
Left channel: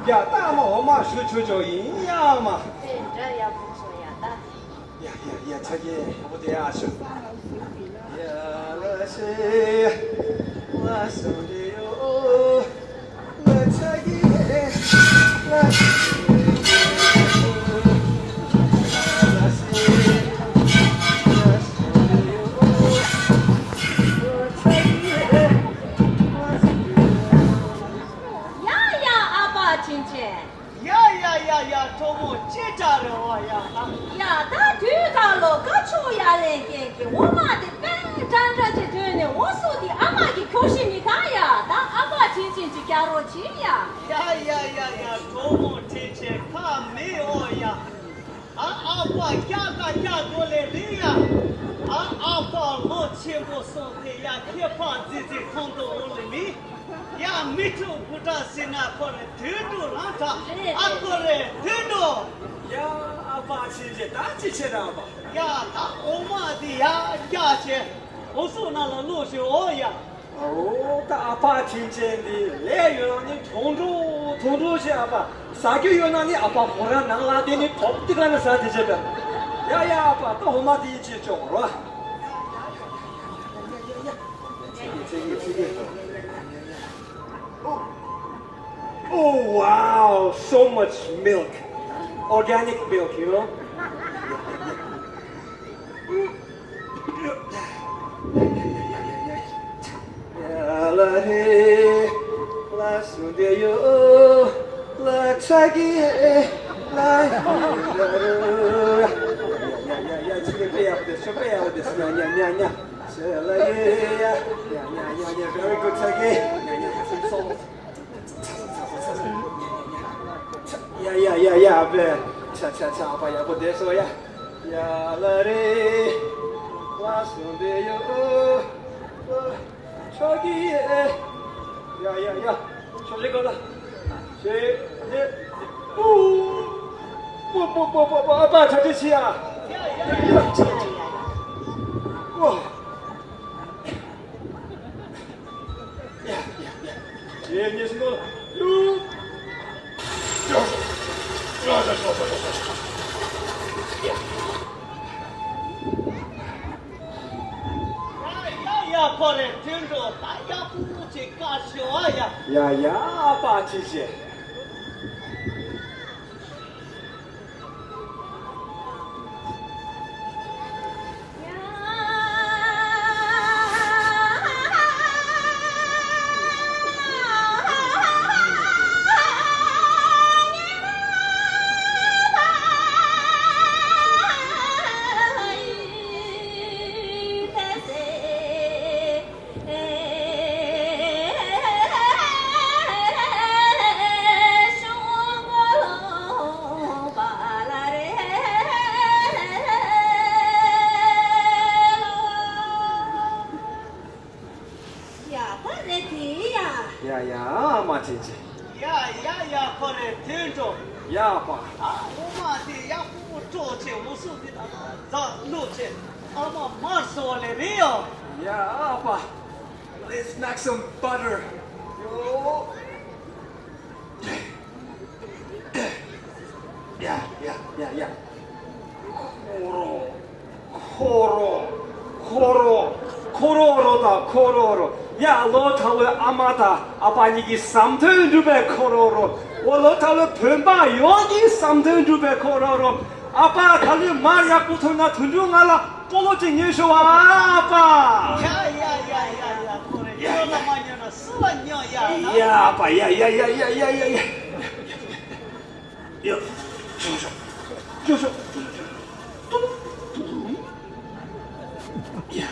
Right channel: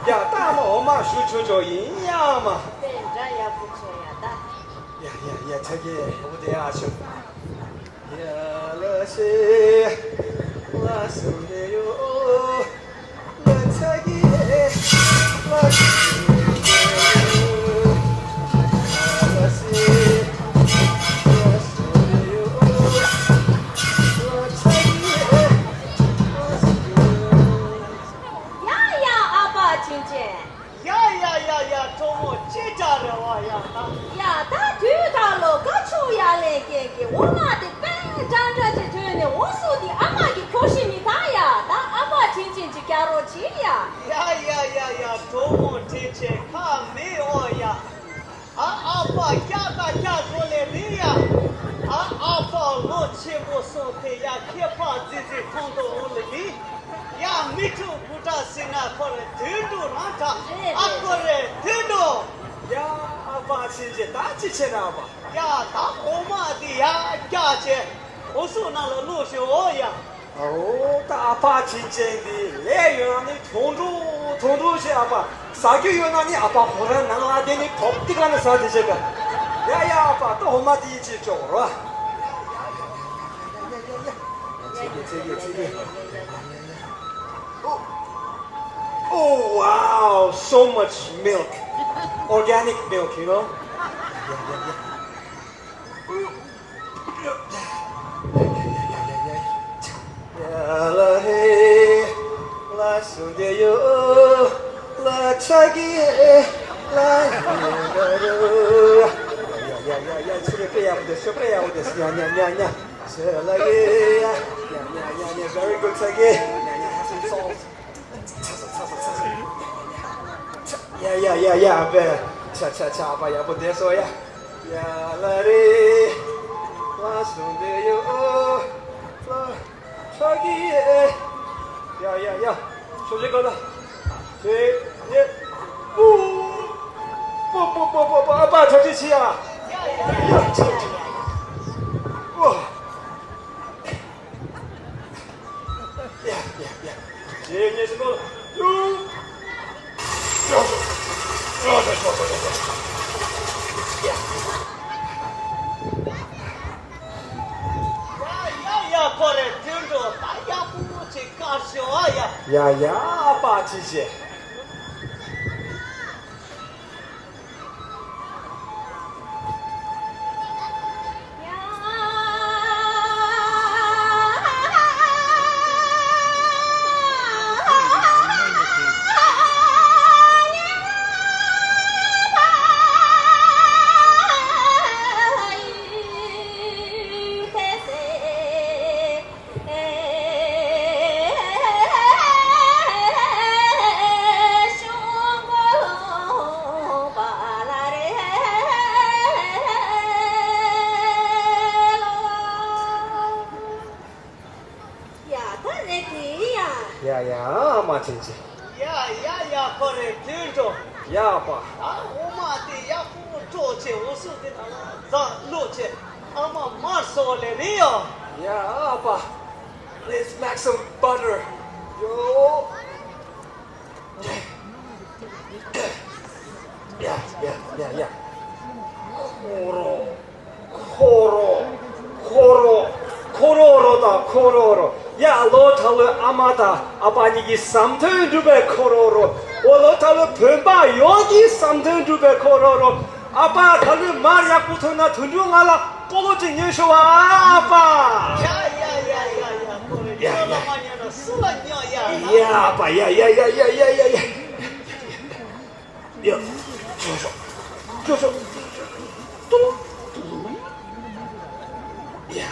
야大嘛 엄마 슈초조 인야마 된자야 부처야다. 야 저기 어디야 슈 야 러시 라스데요 라차기 라시 야야야야 저모 찌자려와야. 야, 다 뒤달로 가초야래 게게 오마데 뺑장자지 되네 오소디 아마기 교신이 가야 나 아빠 진진지 갸로치야. 야야야야 저모 대체 카메오야. 아빠 갸가 돌레리야. 아빠 로치고 소테야 케파 지지 콘도 올리. 야 미투 부타 시나 코레 드도 라타 아코레 드도 야 아빠 진짜 다 지체라 봐 야다 오마디야 야체 오소나로 로쇼야 다 아빠 진짜니 레요니 통조시 아빠 사교요나니 아빠 보라 나라데니 법디가는 사디제가 야야 아빠 또 오마디 지쪽으로 저기 Oh wow, so much milk. Organic milk, you know? La he, la sundeyo, la chagi, la very good chagi. Yeah, cha, apa ya buat deso ya. Ya lari, langsung deh yo, lagi ya, sulit kalau, apa jadi siapa? Wah, ya, ini semua. 야야 코레 틴도 다야 부치 가쇼야. 야야 아빠 진짜. 听着。呀爸，我嘛的呀不做起，我说的那录起，阿妈马说了的哟。呀爸，let's make some butter. Yo. Yeah. 코로로. 야, 로탈로 아마다 아바니기 3,000루베 코로로. 로탈로 뱀바 여기 3,000루베 코로로. 아빠 달리 말이야 붙어나 둔중하라 뽀진 예쇼와 아빠. 야야야야야. 그래. 야라마냐나 수완녀야. 야, 아빠. 야. 야, 조조. 또. 야.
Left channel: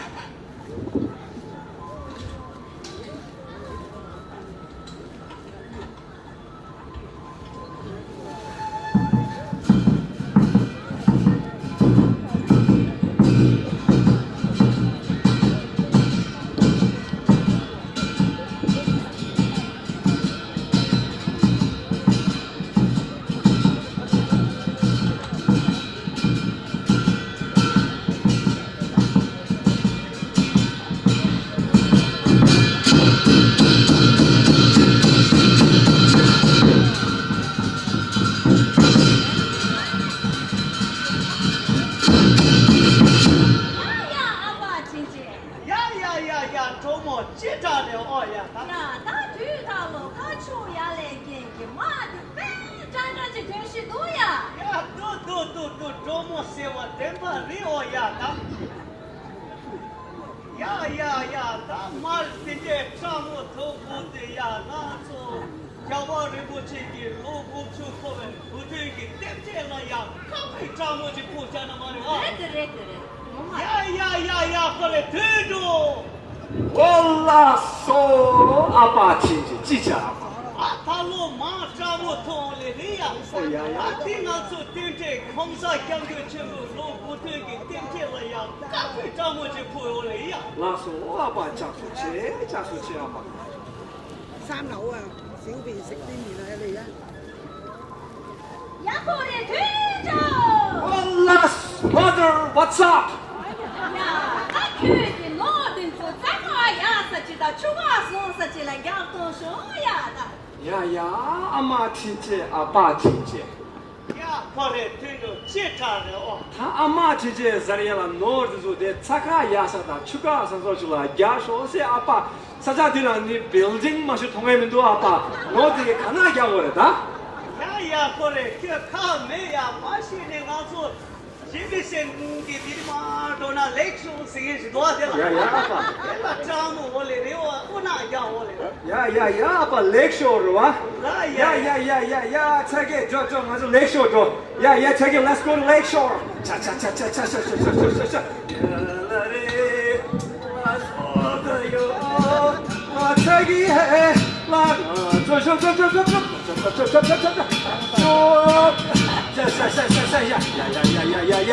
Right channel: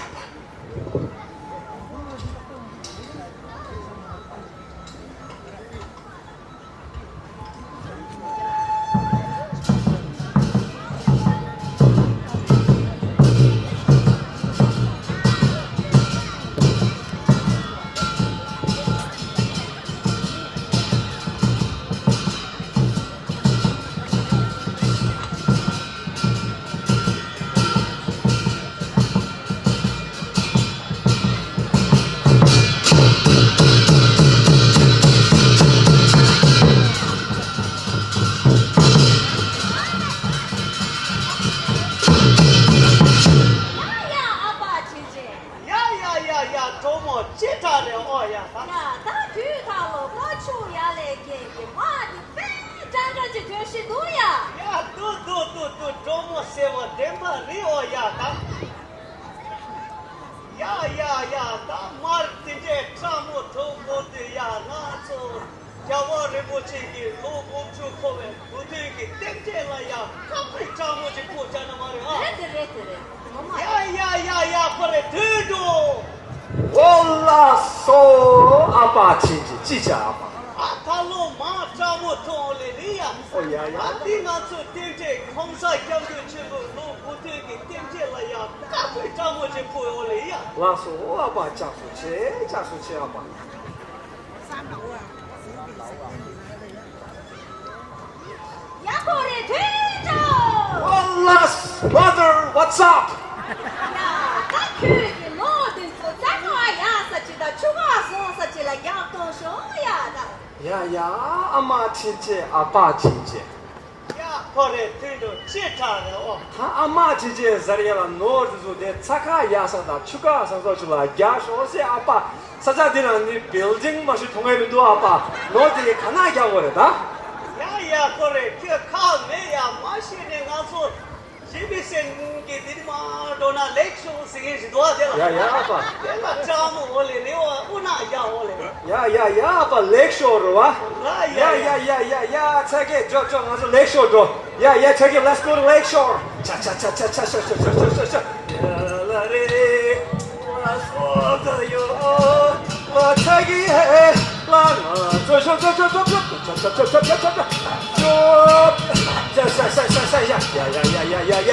Mother, what's up? 야, 아마 진짜 아빠 진짜. 야, 그래, 들도 제타래. 다 아마 진짜 자리야라 노르조데 차카 야사다 추가 선서줄라 야쇼세 아빠 사자들은 이 빌딩 마시 통해면도 아빠 너디 가나 겨버렸다. 야, 그래, 그 카메야 마시네 가서 집에서 게 디마 도나 렉쇼 시게 도와줘라. 야, 아빠. 내가 짬 올래요. 오나 야 올래. 야, 아빠 렉쇼로 와. 야, 자기 저 맞아 렉쇼로. 야, 자기 let's go to lake shore. 자. 라라레 와서다요. 와 자기 해. 라라 저. 야.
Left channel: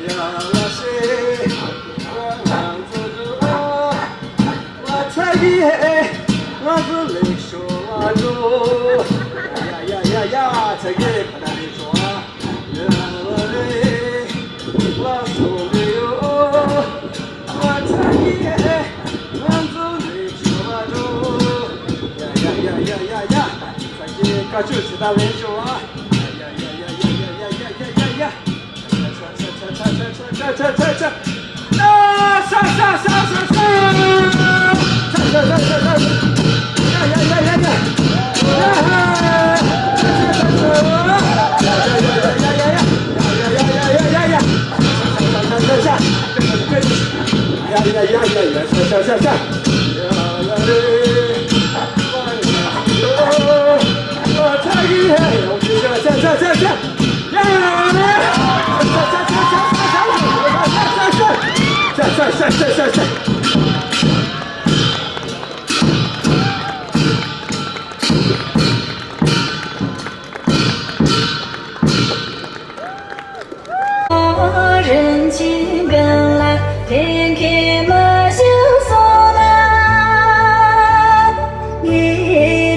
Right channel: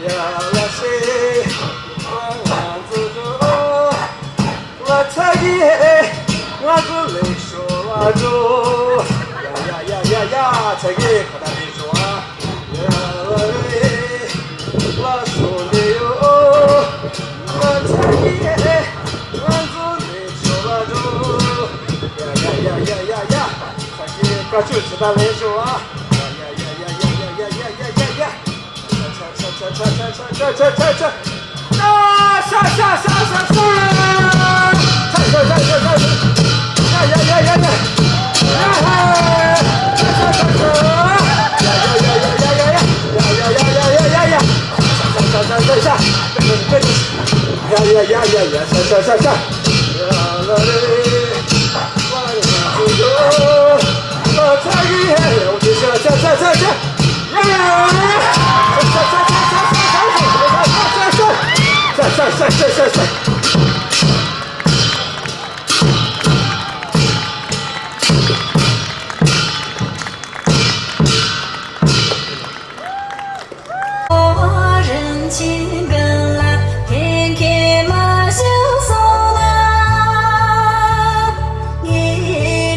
야라세. 와 자기 해. 와서 렉쇼 와줘. 야, 자기 가다니 좋아. 야래 와솔레요. 와 자기의 완전히 좋아줘. 야. 자기가 주시다니 좋아. 야. 차.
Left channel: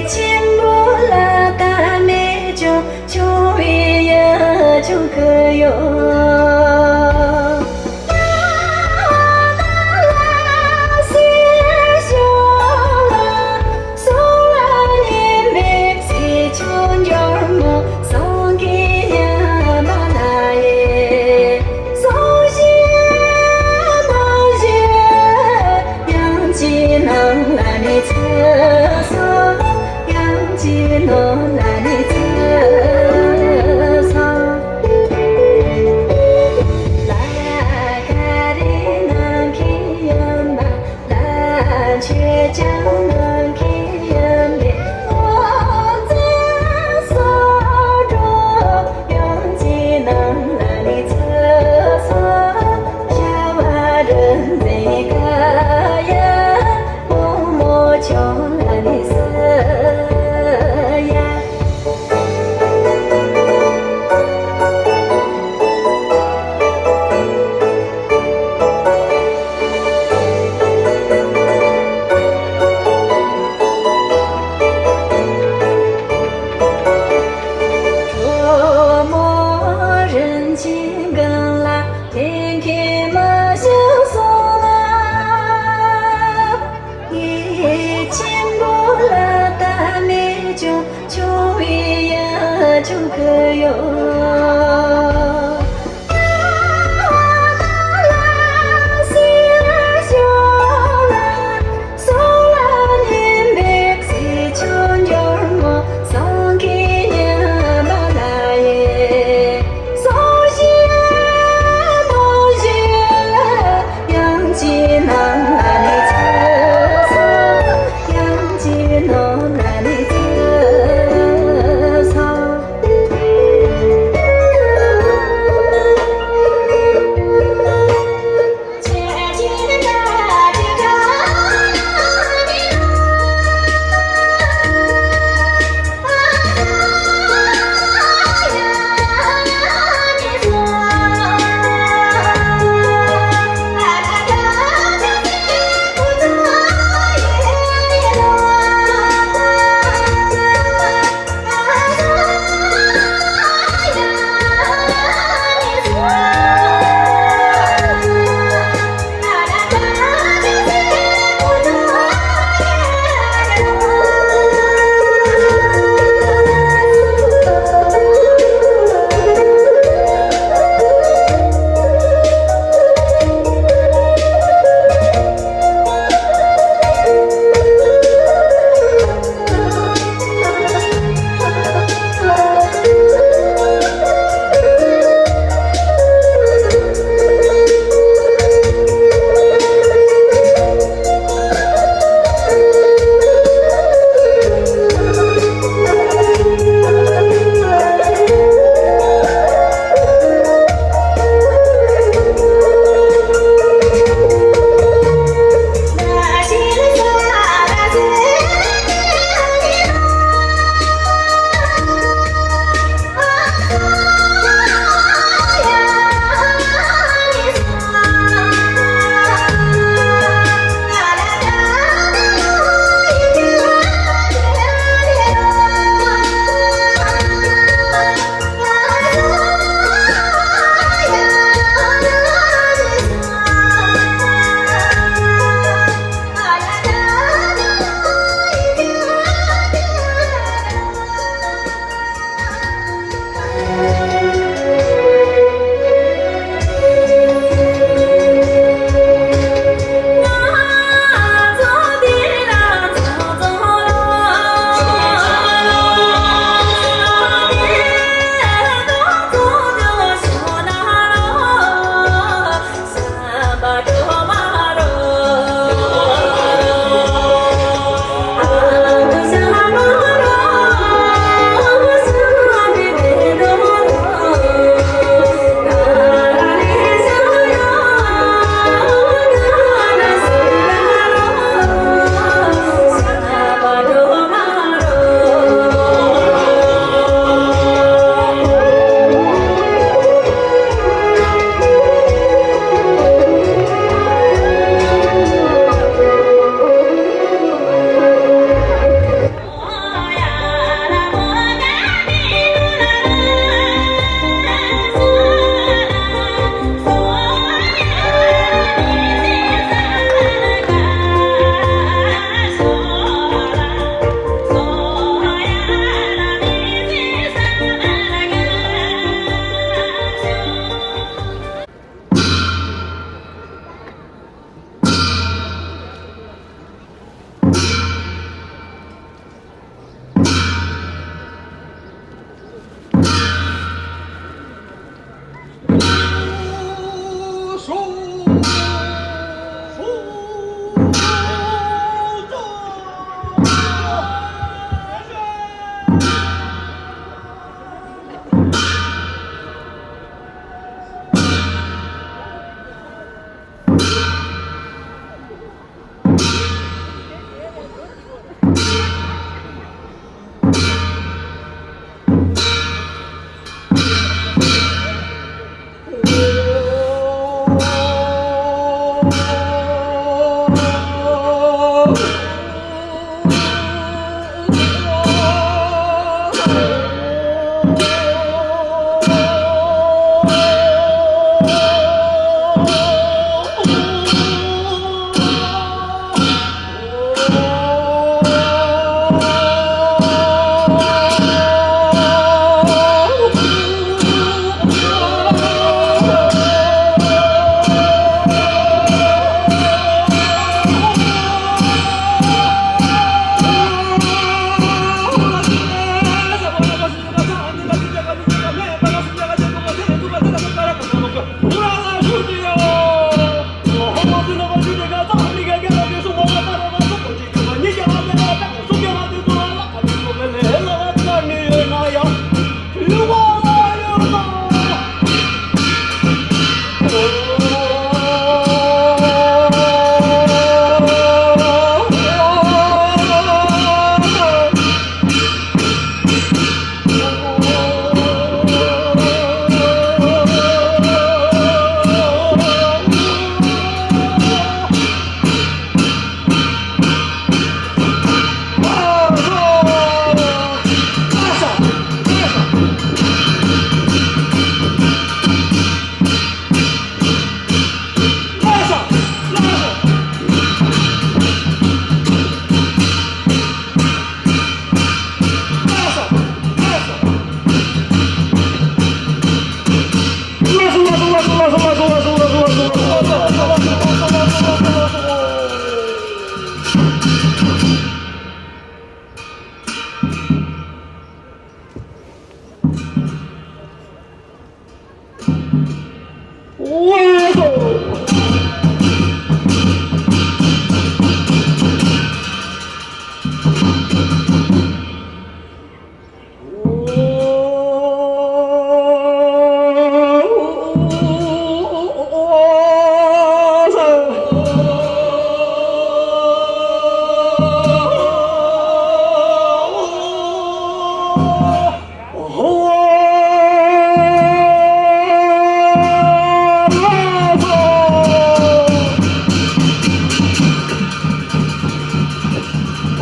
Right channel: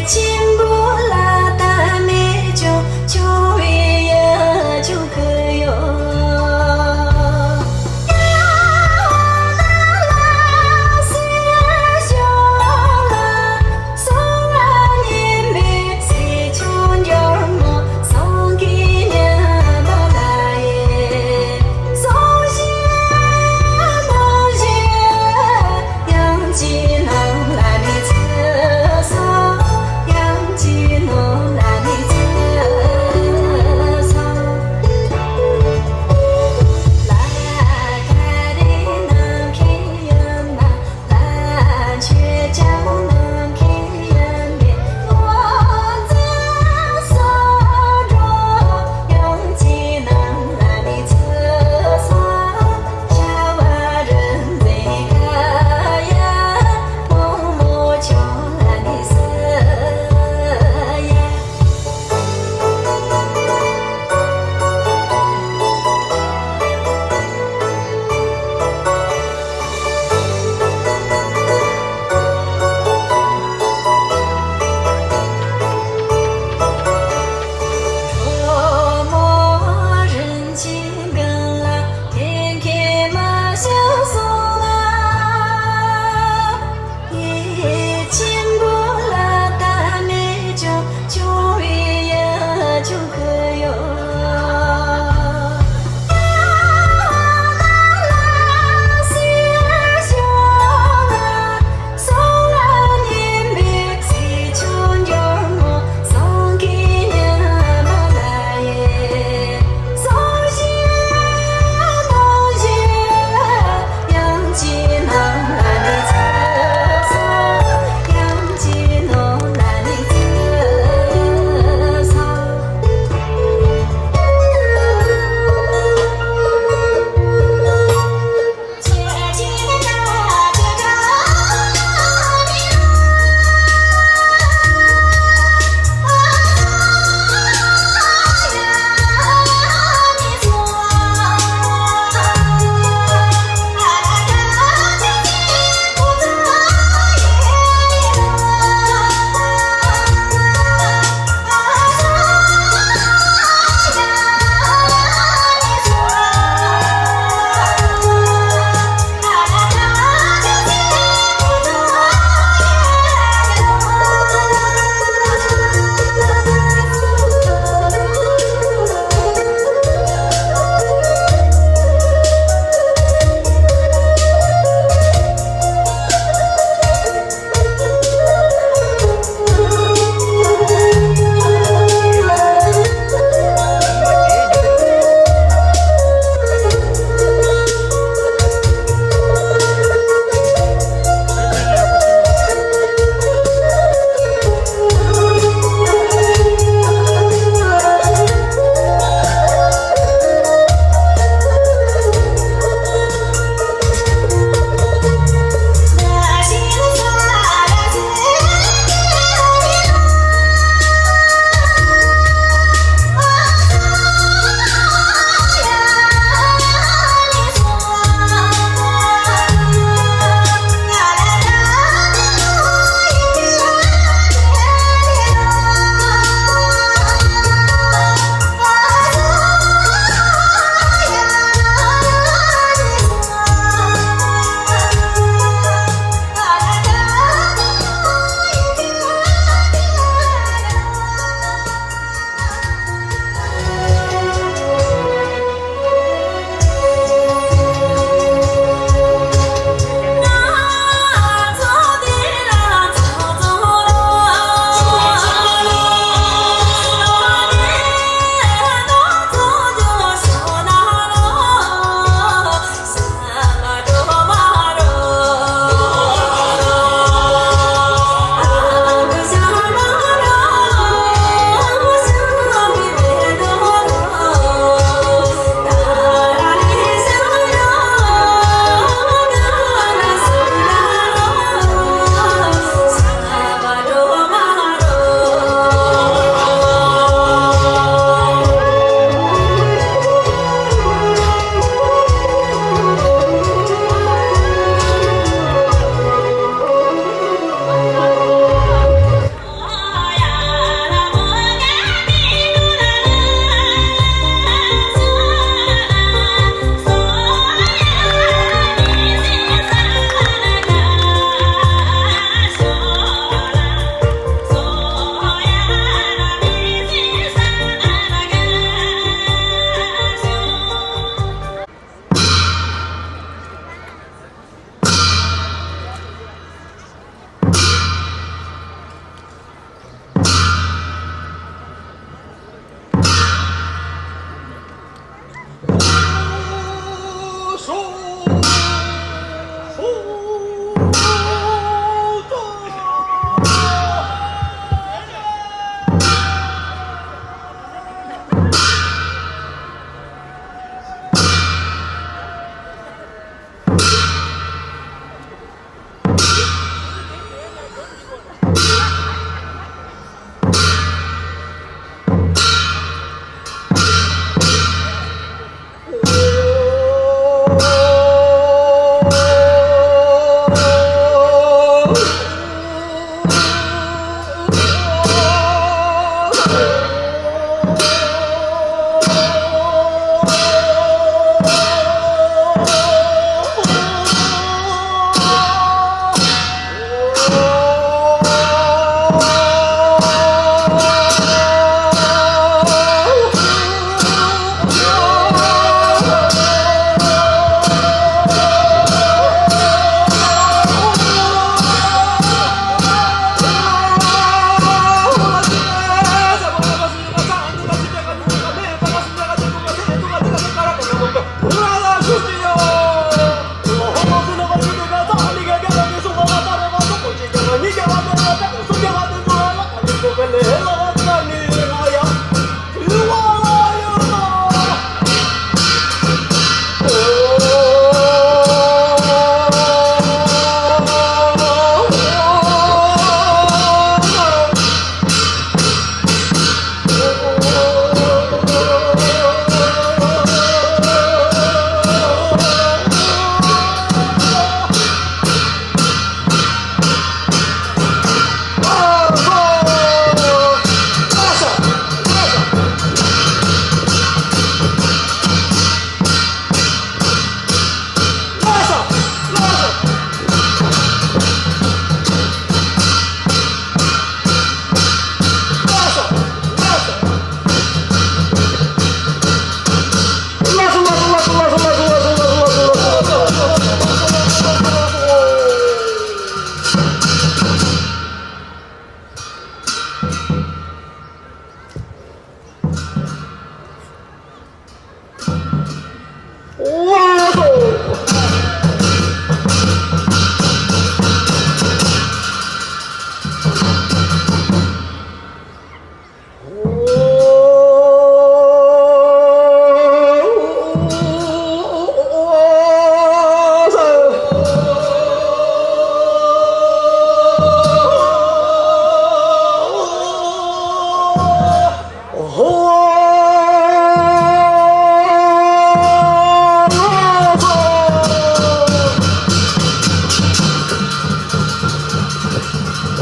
情不拉达美。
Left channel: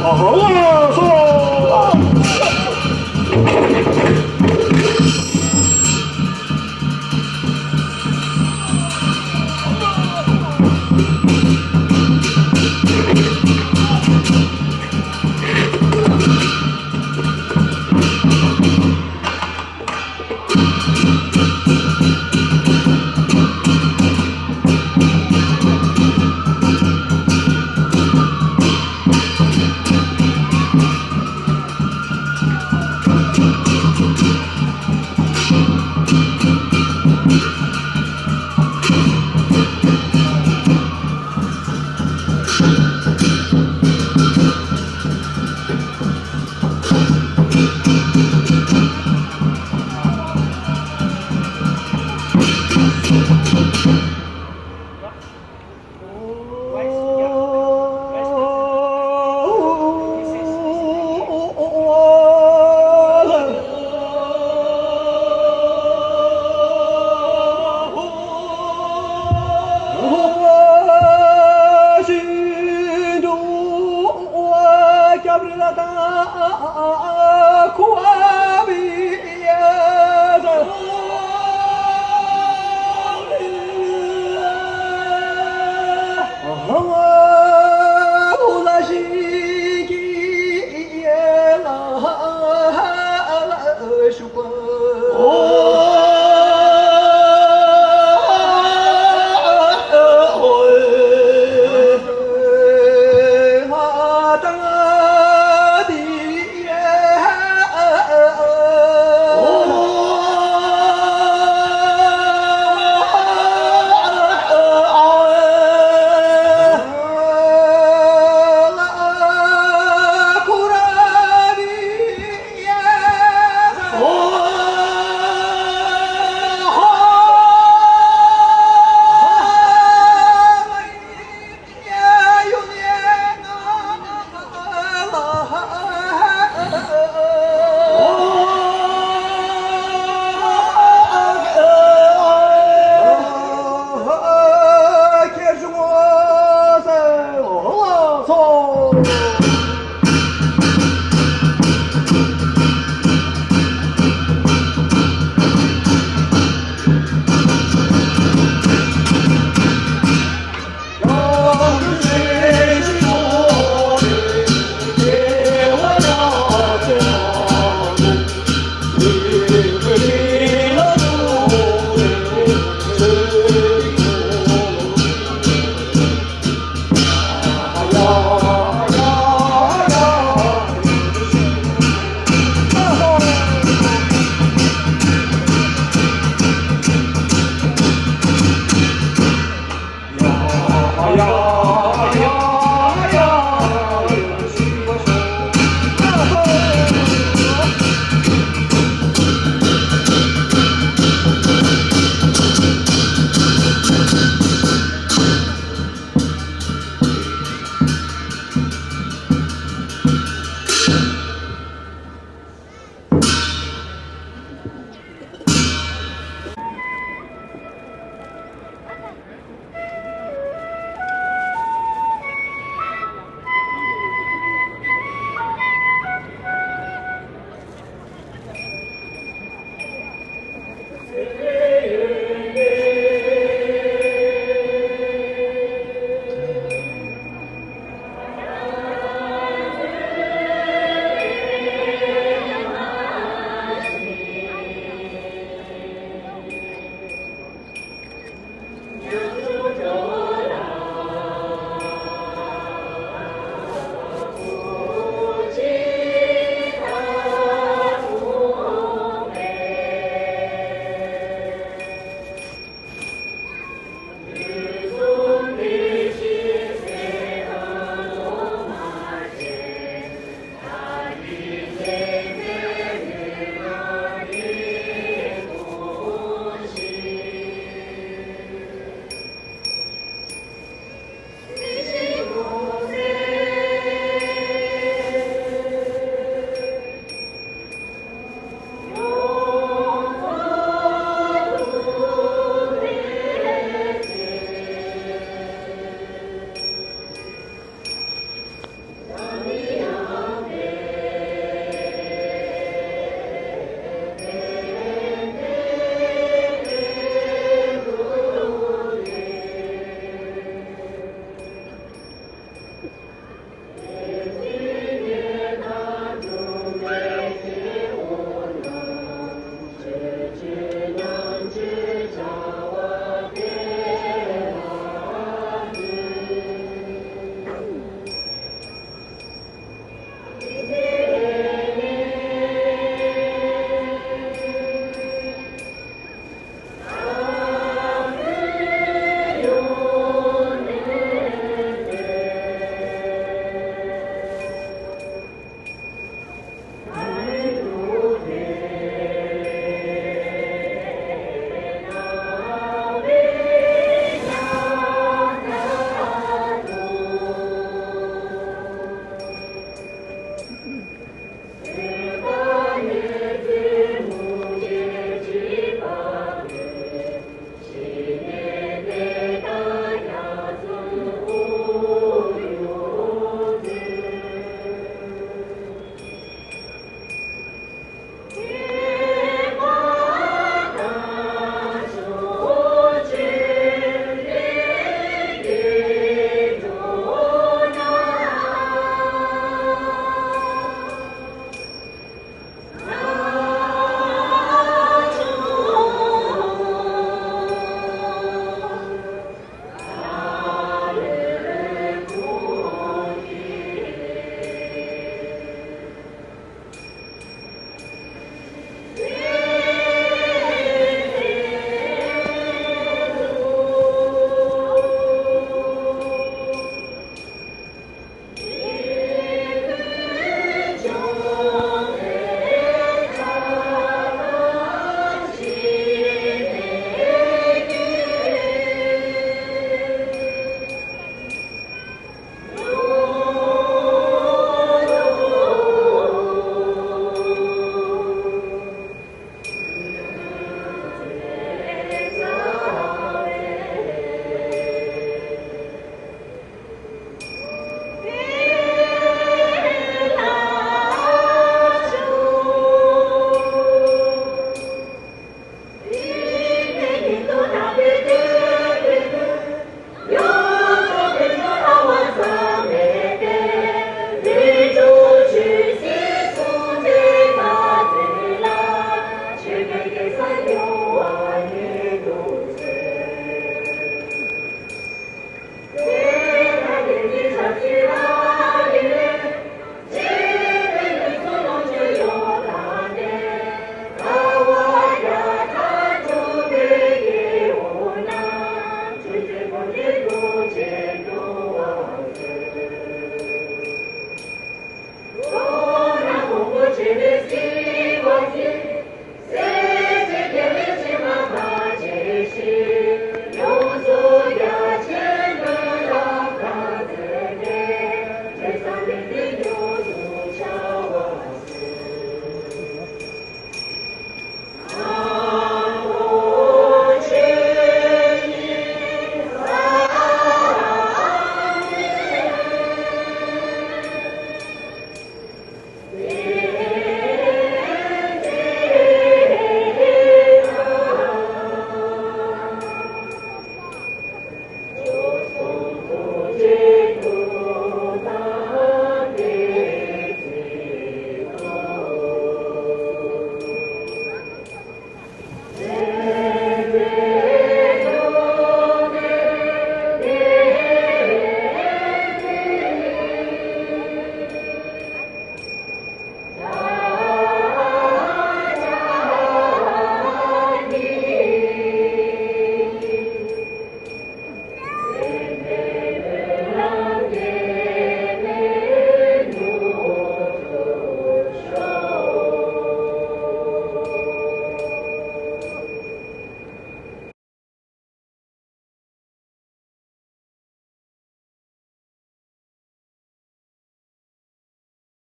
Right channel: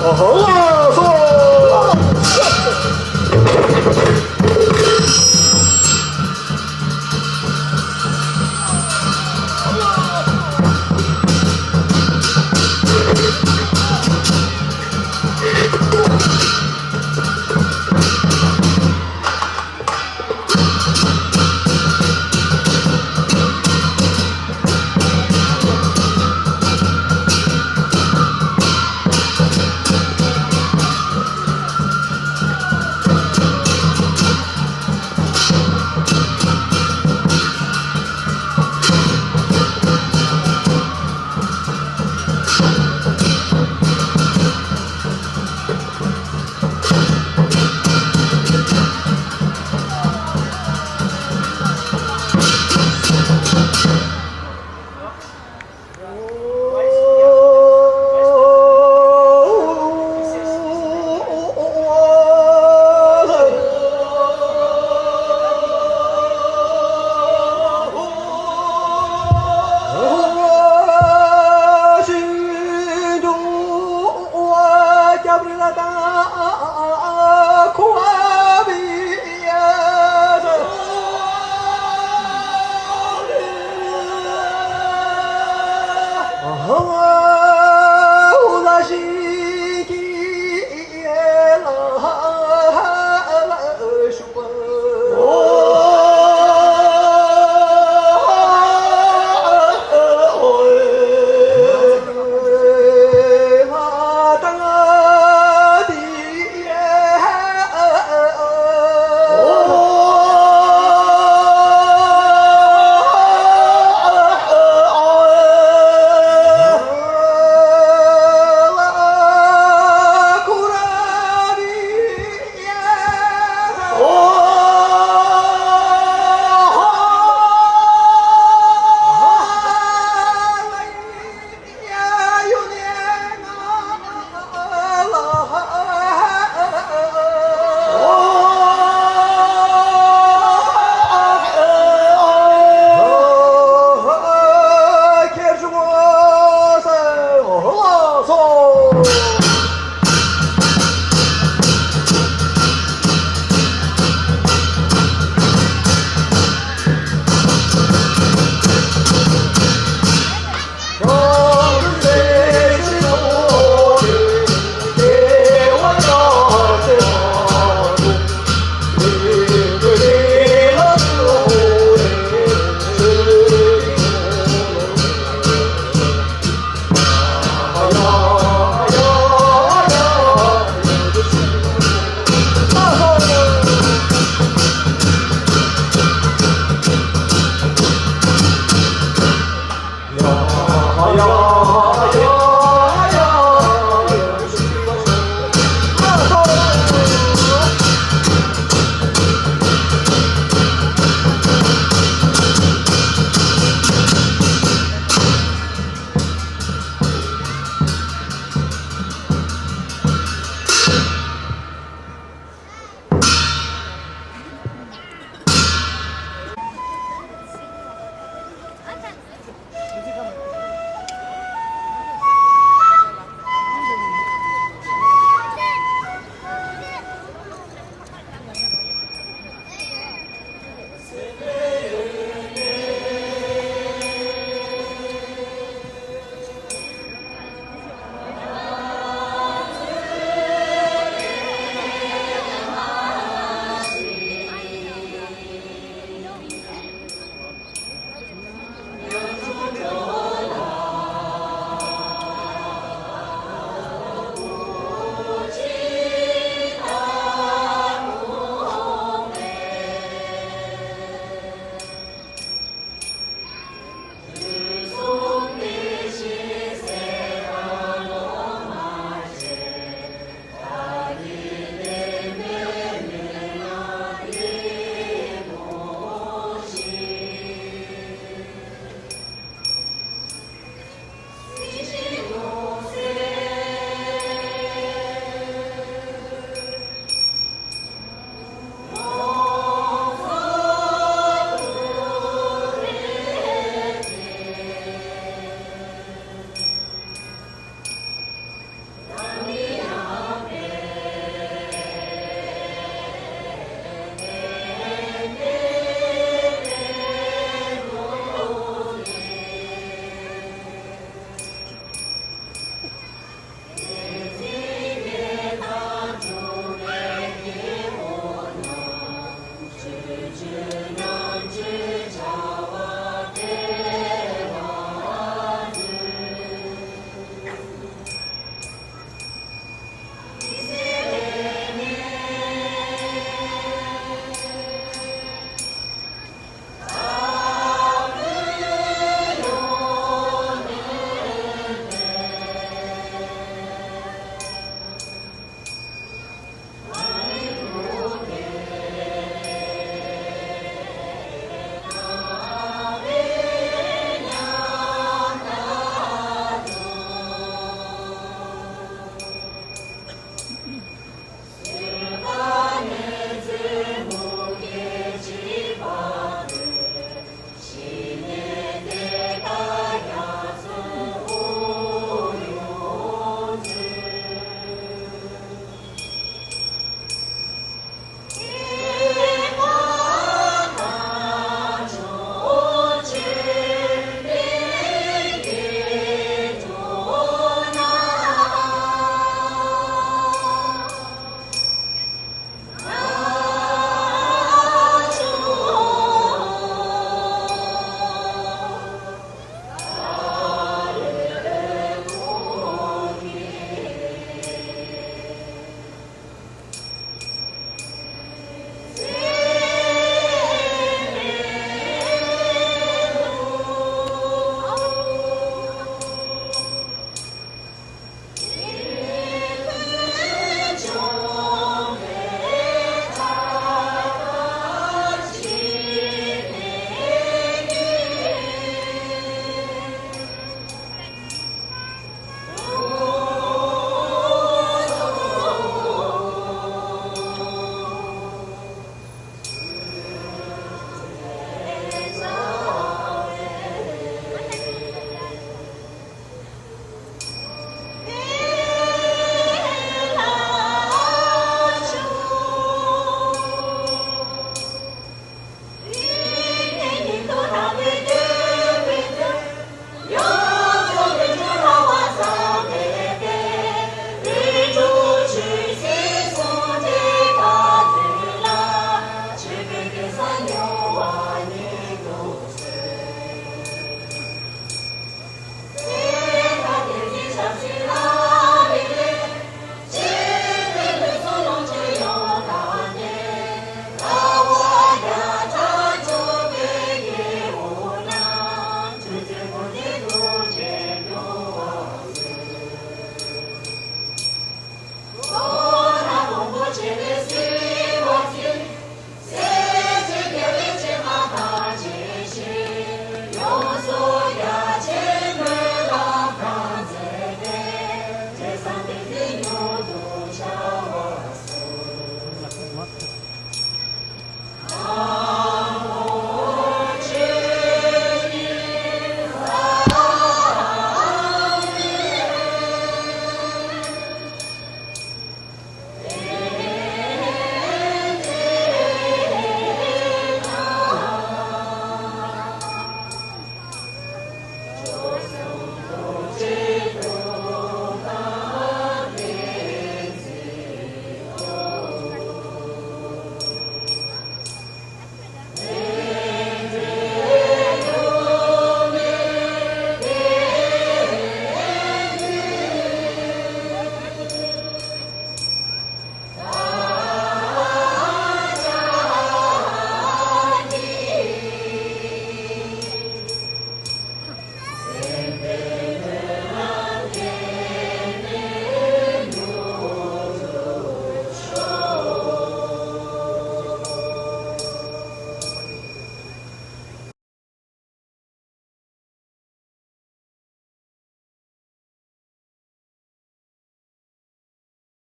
Oh,